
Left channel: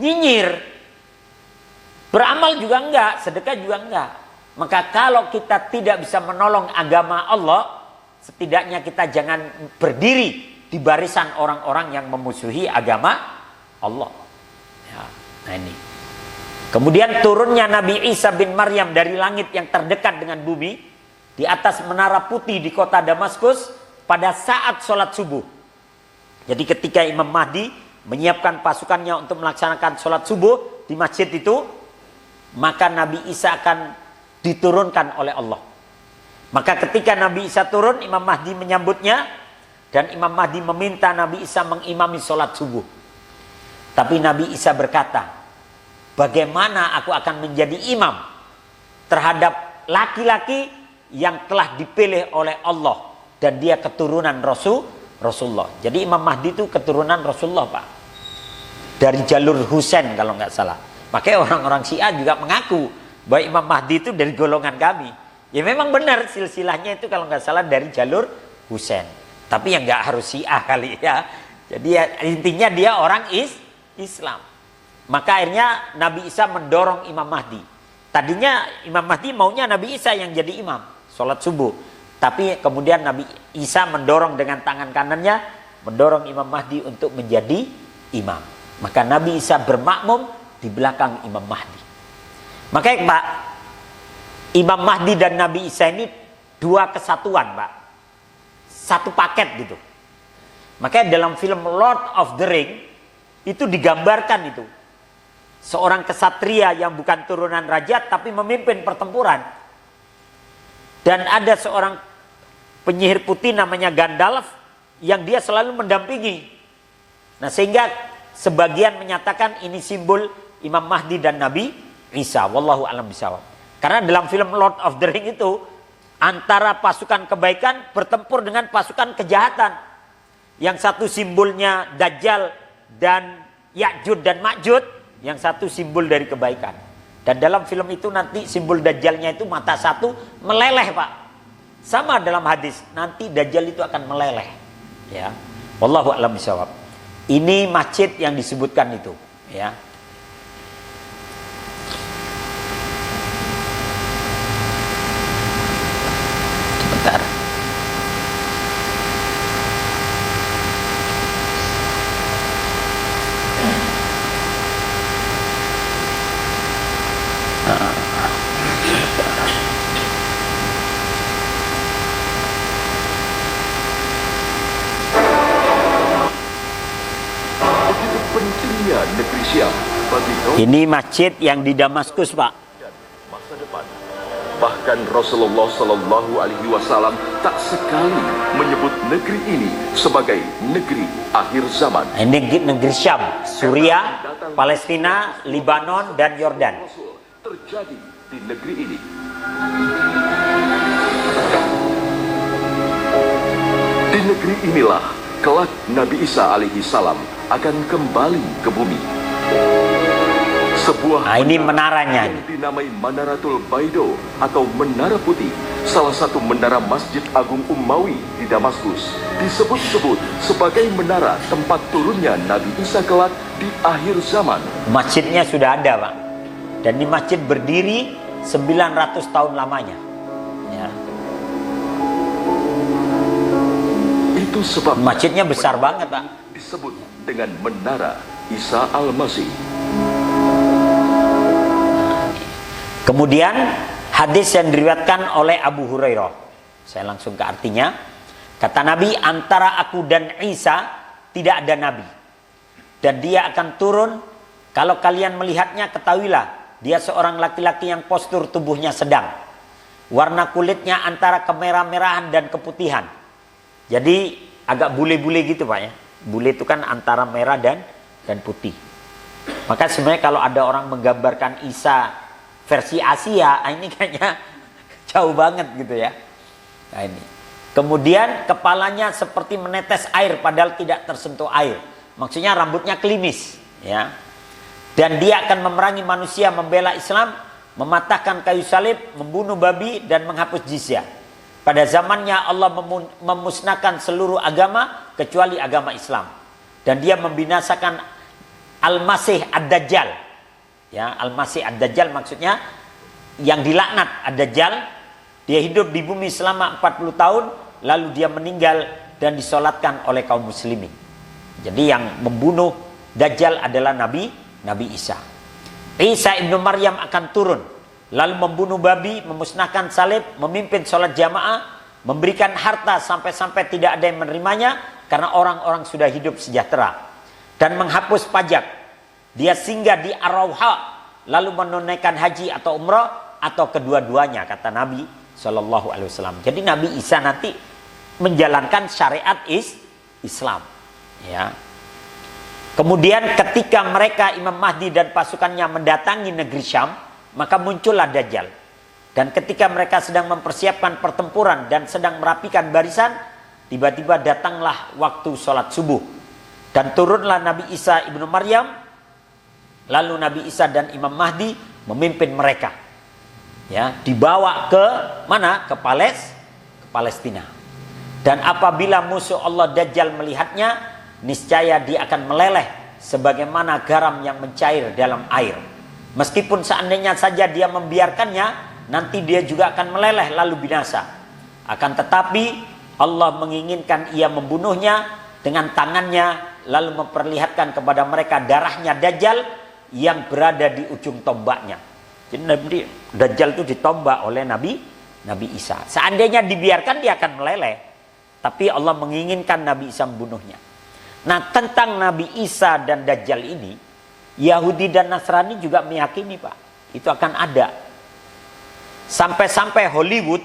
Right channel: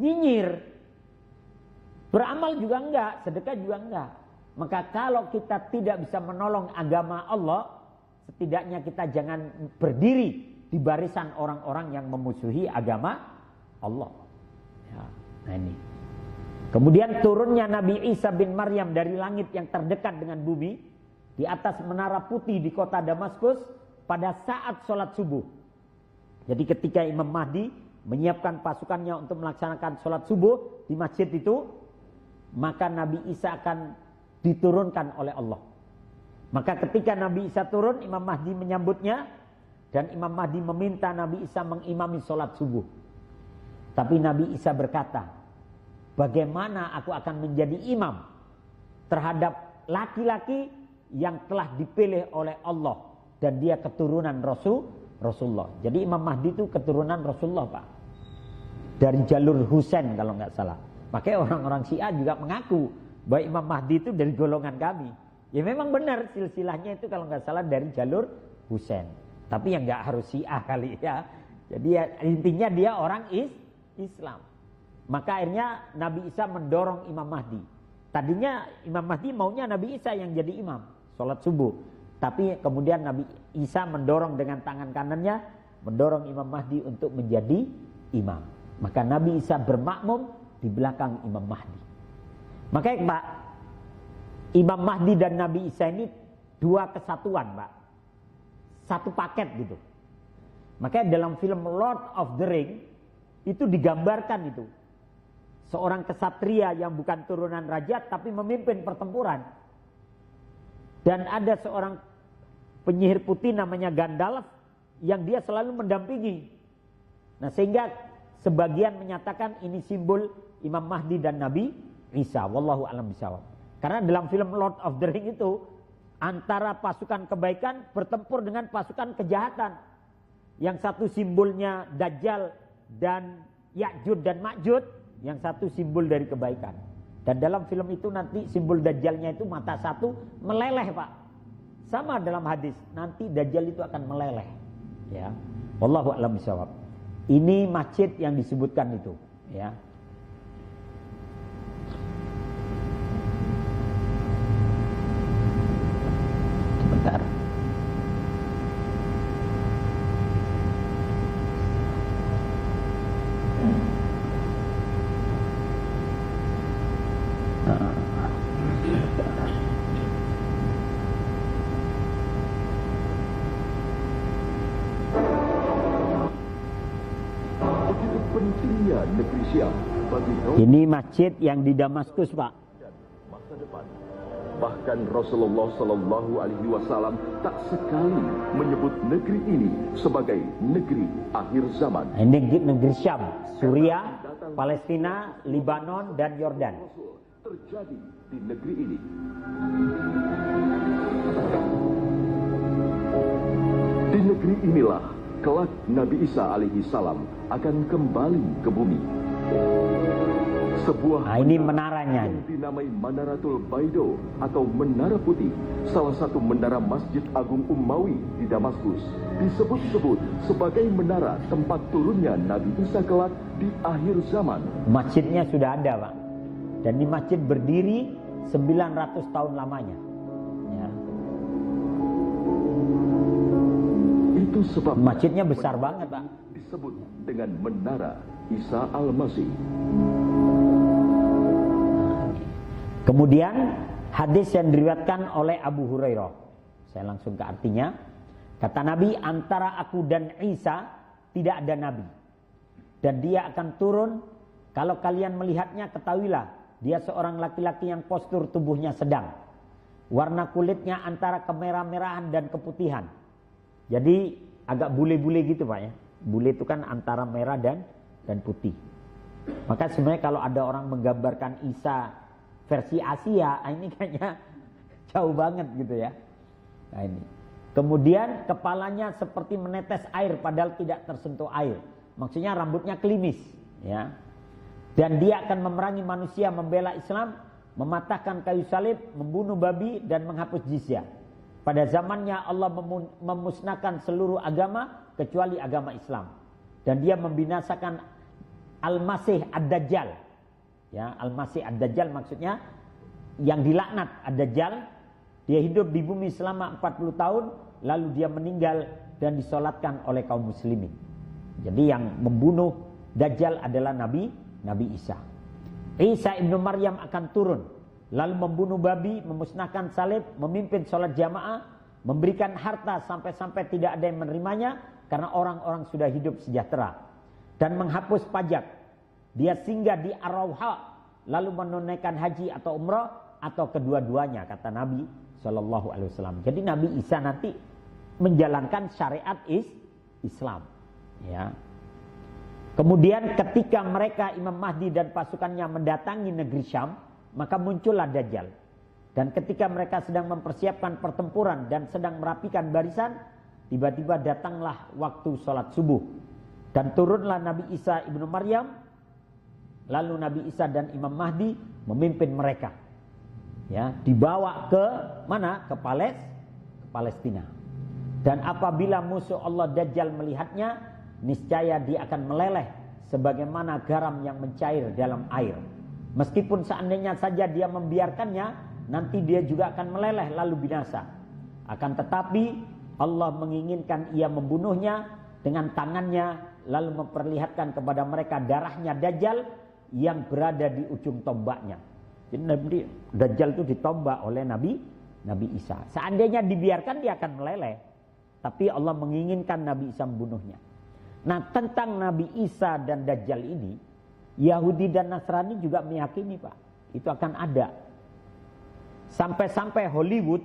nyinyir. Beramal juga enggak, sedekah juga enggak. Maka kalau kita tidak bisa menolong agama Allah, setidaknya kita jangan berdiri di barisan orang-orang yang memusuhi agama Allah. Ya, nah ini. Kemudian turunnya Nabi Isa bin Maryam dari langit yang terdekat dengan bumi di atas menara putih di kota Damaskus pada saat sholat subuh. Jadi ketika Imam Mahdi menyiapkan pasukannya untuk melaksanakan sholat subuh di masjid itu, maka Nabi Isa akan diturunkan oleh Allah. Maka ketika Nabi Isa turun, Imam Mahdi menyambutnya dan Imam Mahdi meminta Nabi Isa mengimami sholat subuh. Tapi Nabi Isa berkata, bagaimana aku akan menjadi imam terhadap laki-laki yang telah dipilih oleh Allah dan dia keturunan Rasulullah. Jadi Imam Mahdi itu keturunan Rasulullah Pak. Dari jalur Husain kalau nggak salah. Makanya orang-orang Syiah juga mengaku bahwa Imam Mahdi itu dari golongan kami. Ya memang benar silsilahnya itu kalau nggak salah dari jalur Husain. Tapi yang nggak harus Syiah kali ya. Jadi ya, intinya dia orang Islam. Maka akhirnya Nabi Isa mendorong Imam Mahdi. Tadinya Imam Mahdi maunya Nabi Isa yang jadi imam sholat subuh. Tapi kemudian Nabi Isa mendorong dengan tangan kanannya, mendorong Imam Mahdi untuk menjadi imam. Maka Nabi Isa bermakmum di belakang Imam Mahdi. Makanya Pak, Imam Mahdi dan Nabi Isa ini dua kesatuan Pak. Satu paket gitu. Makanya dalam film Lord of the Ring itu digambarkan itu. Seorang kesatria yang bukan turunan raja tapi memimpin pertempuran. Dan ada seorang penyihir putih namanya Gandalf yang dia selalu mendampingi. Nah sehingga sebagian menyatakan ini simbol Imam Mahdi dan Nabi Isa. Wallahu a'lam bishawab. Karena dalam film Lord of the Ring itu antara pasukan kebaikan bertempur dengan pasukan kejahatan. Yang satu simbolnya Dajjal dan Ya'jud dan Ma'jud. Yang satu simbol dari kebaikan. Dan dalam film itu nanti simbol Dajjalnya itu mata satu meleleh Pak. Sama dalam hadis. Nanti Dajjal itu akan meleleh. Ya. Wallahu a'lam bishawab. Ini masjid yang disebutkan itu. Ya. Sebentar. Negeri Syam bagi ini masjid yang di Damaskus Pak. Masa depan. Bahkan Rasulullah Shallallahu Alaihi Wasallam tak sekali menyebut negeri ini sebagai negeri akhir zaman. Ini negeri Syam, Suriah, Palestina, Libanon dan Yordan. Terjadi di negeri ini. Di negeri inilah kelak Nabi Isa alaihi salam akan kembali ke bumi. Sebuah ini menaranya yang dinamai Manaratul Baido atau Menara Putih, salah satu menara Masjid Agung Umawi di Damaskus, disebut-sebut sebagai menara tempat turunnya Nabi Isa kelak di akhir zaman. Masjidnya sudah ada Pak. Dan ini masjid berdiri 900 tahun lamanya. Ya. Itu sebab masjidnya besar banget Pak. Disebut dengan Menara Isa Al-Masih. Kemudian hadis yang diriwayatkan oleh Abu Hurairah. Saya langsung ke artinya. Kata Nabi, antara aku dan Isa tidak ada Nabi. Dan dia akan turun, kalau kalian melihatnya ketahuilah, dia seorang laki-laki yang postur tubuhnya sedang. Warna kulitnya antara kemerah-merahan dan keputihan. Jadi agak bule-bule gitu Pak ya. Bule itu kan antara merah dan putih. Maka sebenarnya kalau ada orang menggambarkan Isa versi Asia, ini kayaknya jauh banget gitu ya. Nah ini. Kemudian kepalanya seperti menetes air padahal tidak tersentuh air. Maksudnya rambutnya klimis ya. Dan dia akan memerangi manusia, membela Islam, mematahkan kayu salib, membunuh babi dan menghapus jizyah. Pada zamannya Allah memusnahkan seluruh agama kecuali agama Islam. Dan dia membinasakan Al-Masih Ad-Dajjal. Ya, Al-Masih Ad-Dajjal maksudnya yang dilaknat Ad-Dajjal. Dia hidup di bumi selama 40 tahun. Lalu dia meninggal dan disolatkan oleh kaum muslimin. Jadi yang membunuh Dajjal adalah Nabi Isa. Isa ibnu Maryam akan turun. Lalu membunuh babi, memusnahkan salib, memimpin sholat jamaah, memberikan harta sampai-sampai tidak ada yang menerimanya karena orang-orang sudah hidup sejahtera. Dan menghapus pajak. Dia singgah di Ar-Rawha, lalu menunaikan haji atau umrah atau kedua-duanya kata Nabi SAW. Jadi Nabi Isa nanti menjalankan syariat Islam. Ya. Kemudian ketika mereka Imam Mahdi dan pasukannya mendatangi negeri Syam, maka muncullah Dajjal. Dan ketika mereka sedang mempersiapkan pertempuran dan sedang merapikan barisan, tiba-tiba datanglah waktu sholat subuh. Dan turunlah Nabi Isa ibnu Maryam. Lalu Nabi Isa dan Imam Mahdi memimpin mereka. Ya, dibawa ke mana? Ke Palestina. Dan apabila musuh Allah Dajjal melihatnya, niscaya dia akan meleleh sebagaimana garam yang mencair dalam air. Meskipun seandainya saja dia membiarkannya, nanti dia juga akan meleleh lalu binasa. Akan tetapi Allah menginginkan ia membunuhnya dengan tangannya, lalu memperlihatkan kepada mereka darahnya Dajjal yang berada di ujung tombaknya. Jadi Dajjal itu ditombak oleh Nabi Isa. Seandainya dibiarkan dia akan meleleh, tapi Allah menginginkan Nabi Isa membunuhnya. Nah, tentang Nabi Isa dan Dajjal ini, Yahudi dan Nasrani juga meyakini, Pak, itu akan ada. Sampai-sampai Hollywood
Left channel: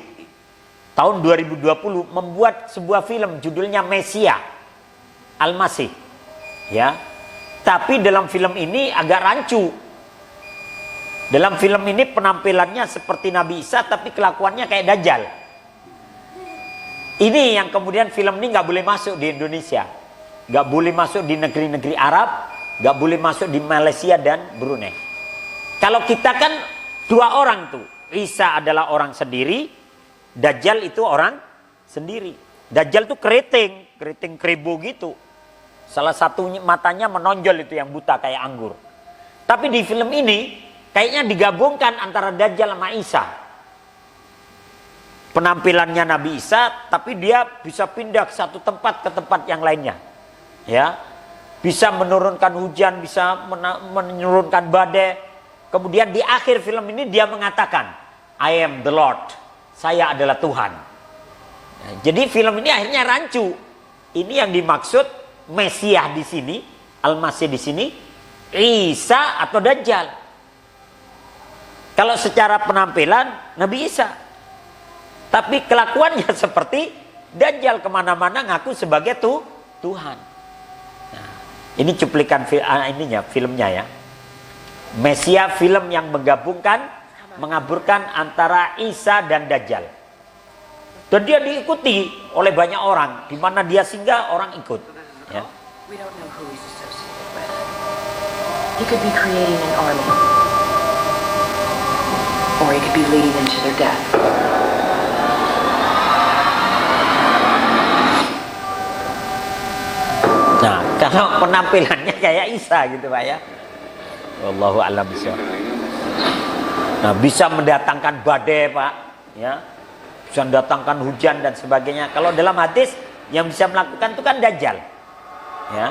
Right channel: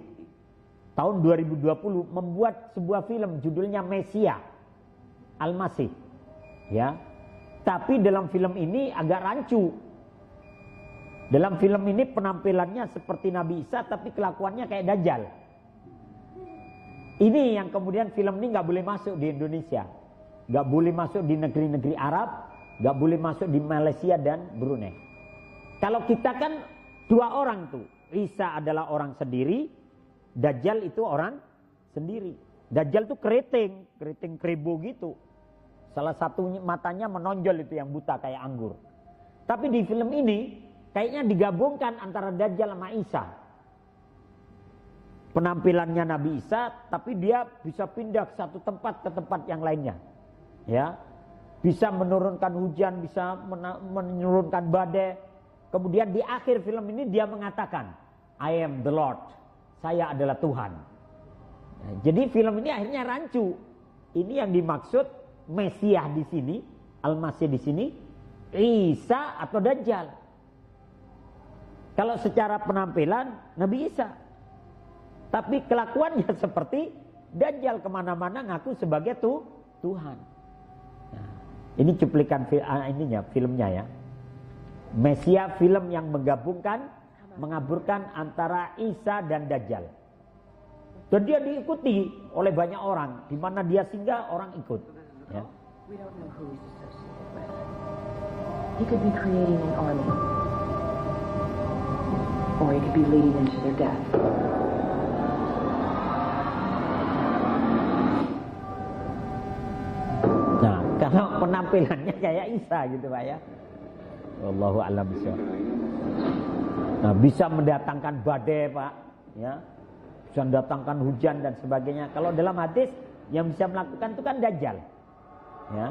tahun 2020 membuat sebuah film judulnya Mesia Al-Masih. Ya. Tapi dalam film ini agak rancu. Dalam film ini penampilannya seperti Nabi Isa tapi kelakuannya kayak Dajjal. Ini yang kemudian film ini nggak boleh masuk di Indonesia, nggak boleh masuk di negeri-negeri Arab, nggak boleh masuk di Malaysia dan Brunei. Kalau kita kan dua orang tuh, Isa adalah orang sendiri, Dajjal itu orang sendiri. Dajjal tuh keriting keribu gitu. Salah satu matanya menonjol itu yang buta kayak anggur. Tapi di film ini kayaknya digabungkan antara Dajjal sama Isa. Penampilannya Nabi Isa, tapi dia bisa pindah ke satu tempat ke tempat yang lainnya. Ya, bisa menurunkan hujan, bisa menurunkan badai. Kemudian di akhir film ini dia mengatakan, I am the Lord. Saya adalah Tuhan. Nah, jadi film ini akhirnya rancu. Ini yang dimaksud Mesias di sini, Al-Masih di sini, Isa atau Dajjal. Kalau secara penampilan Nabi Isa, tapi kelakuannya seperti Dajjal, kemana-mana ngaku sebagai Tuhan. Nah, ini cuplikan filmnya ya. Mesia, film yang mengaburkan antara Isa dan Dajjal. Dan dia diikuti oleh banyak orang, di mana dia singgah orang ikut. Ya. We don't know who he's associated with. He could be creating an army. Or he could be leading them to their death. Nah, kalau penampilannya kayak Isa gitu Pak ya. Wallahu a'lam bishawab. Nah, bisa mendatangkan badai Pak, ya. Bisa mendatangkan hujan dan sebagainya. Kalau dalam hadis yang bisa melakukan itu kan Dajjal. Ya.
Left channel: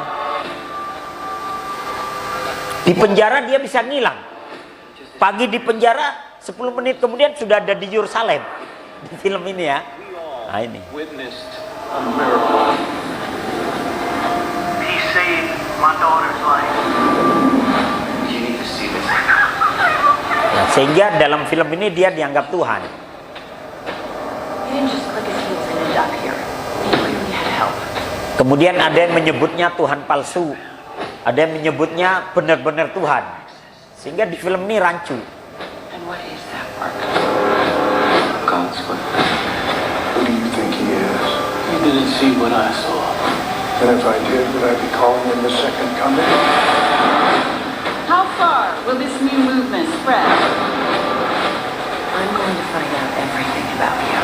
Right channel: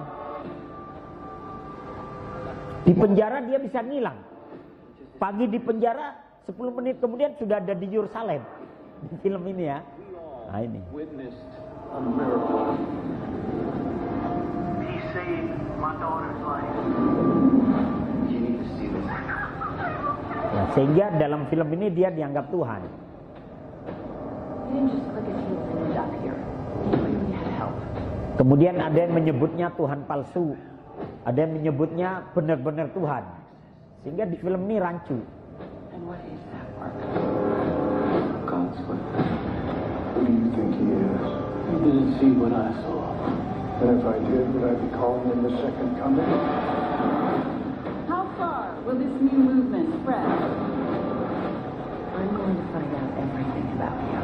Di penjara dia bisa ngilang. Pagi di penjara, 10 menit kemudian sudah ada di Yerusalem. Di film ini ya. Nah ini. He saved my daughter's life. You need to see this. Nah, sehingga dalam film ini dia dianggap Tuhan. He didn't just click his heels and end up here. He clearly had help. Kemudian ada yang menyebutnya Tuhan palsu, ada yang menyebutnya benar-benar Tuhan, sehingga di film ini rancu. And what is that work? God's work. Who do you think he is? You didn't see what I saw. And if I did, would I be calling him the second coming? How far will this new movement spread? I'm going to find out everything about you.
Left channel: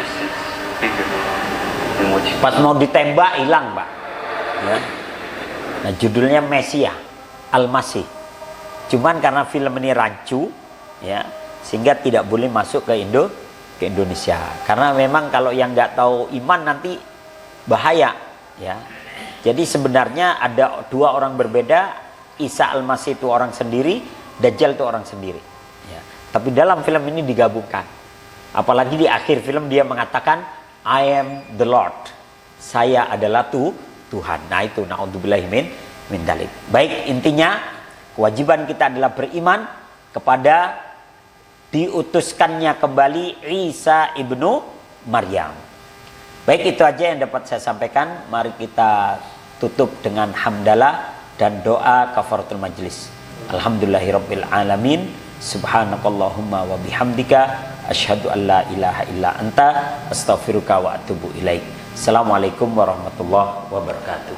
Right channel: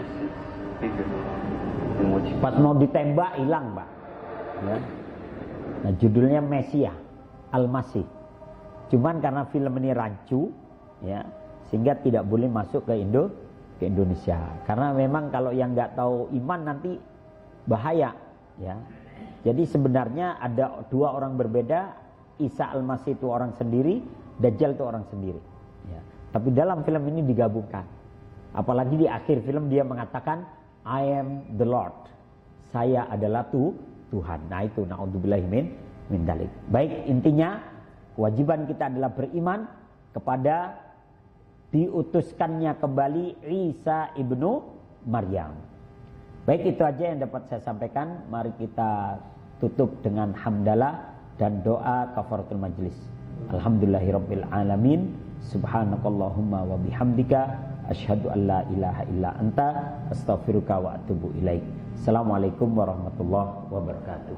This is bigger than what you. Pas mau ditembak hilang Pak. Ya. Nah judulnya Mesia Al-Masih. Cuman karena film ini rancu, ya, sehingga tidak boleh masuk ke Indonesia. Karena memang kalau yang nggak tahu iman nanti bahaya, ya. Jadi sebenarnya ada dua orang berbeda. Isa Al-Masih itu orang sendiri, Dajjal itu orang sendiri. Ya. Tapi dalam film ini digabungkan. Apalagi di akhir film dia mengatakan, I am the Lord. Saya adalah Tuhan. Nah itu naudzubillahi min dzalik. Baik, intinya kewajiban kita adalah beriman kepada diutuskannya kembali Isa ibnu Maryam. Baik, itu aja yang dapat saya sampaikan. Mari kita tutup dengan hamdalah dan doa kafaratul majlis. Alhamdulillahirabbil alamin. Subhanakallahumma wa bihamdika asyhadu an la ilaha illa anta astaghfiruka wa atubu ilaik. Assalamualaikum warahmatullahi wabarakatuh.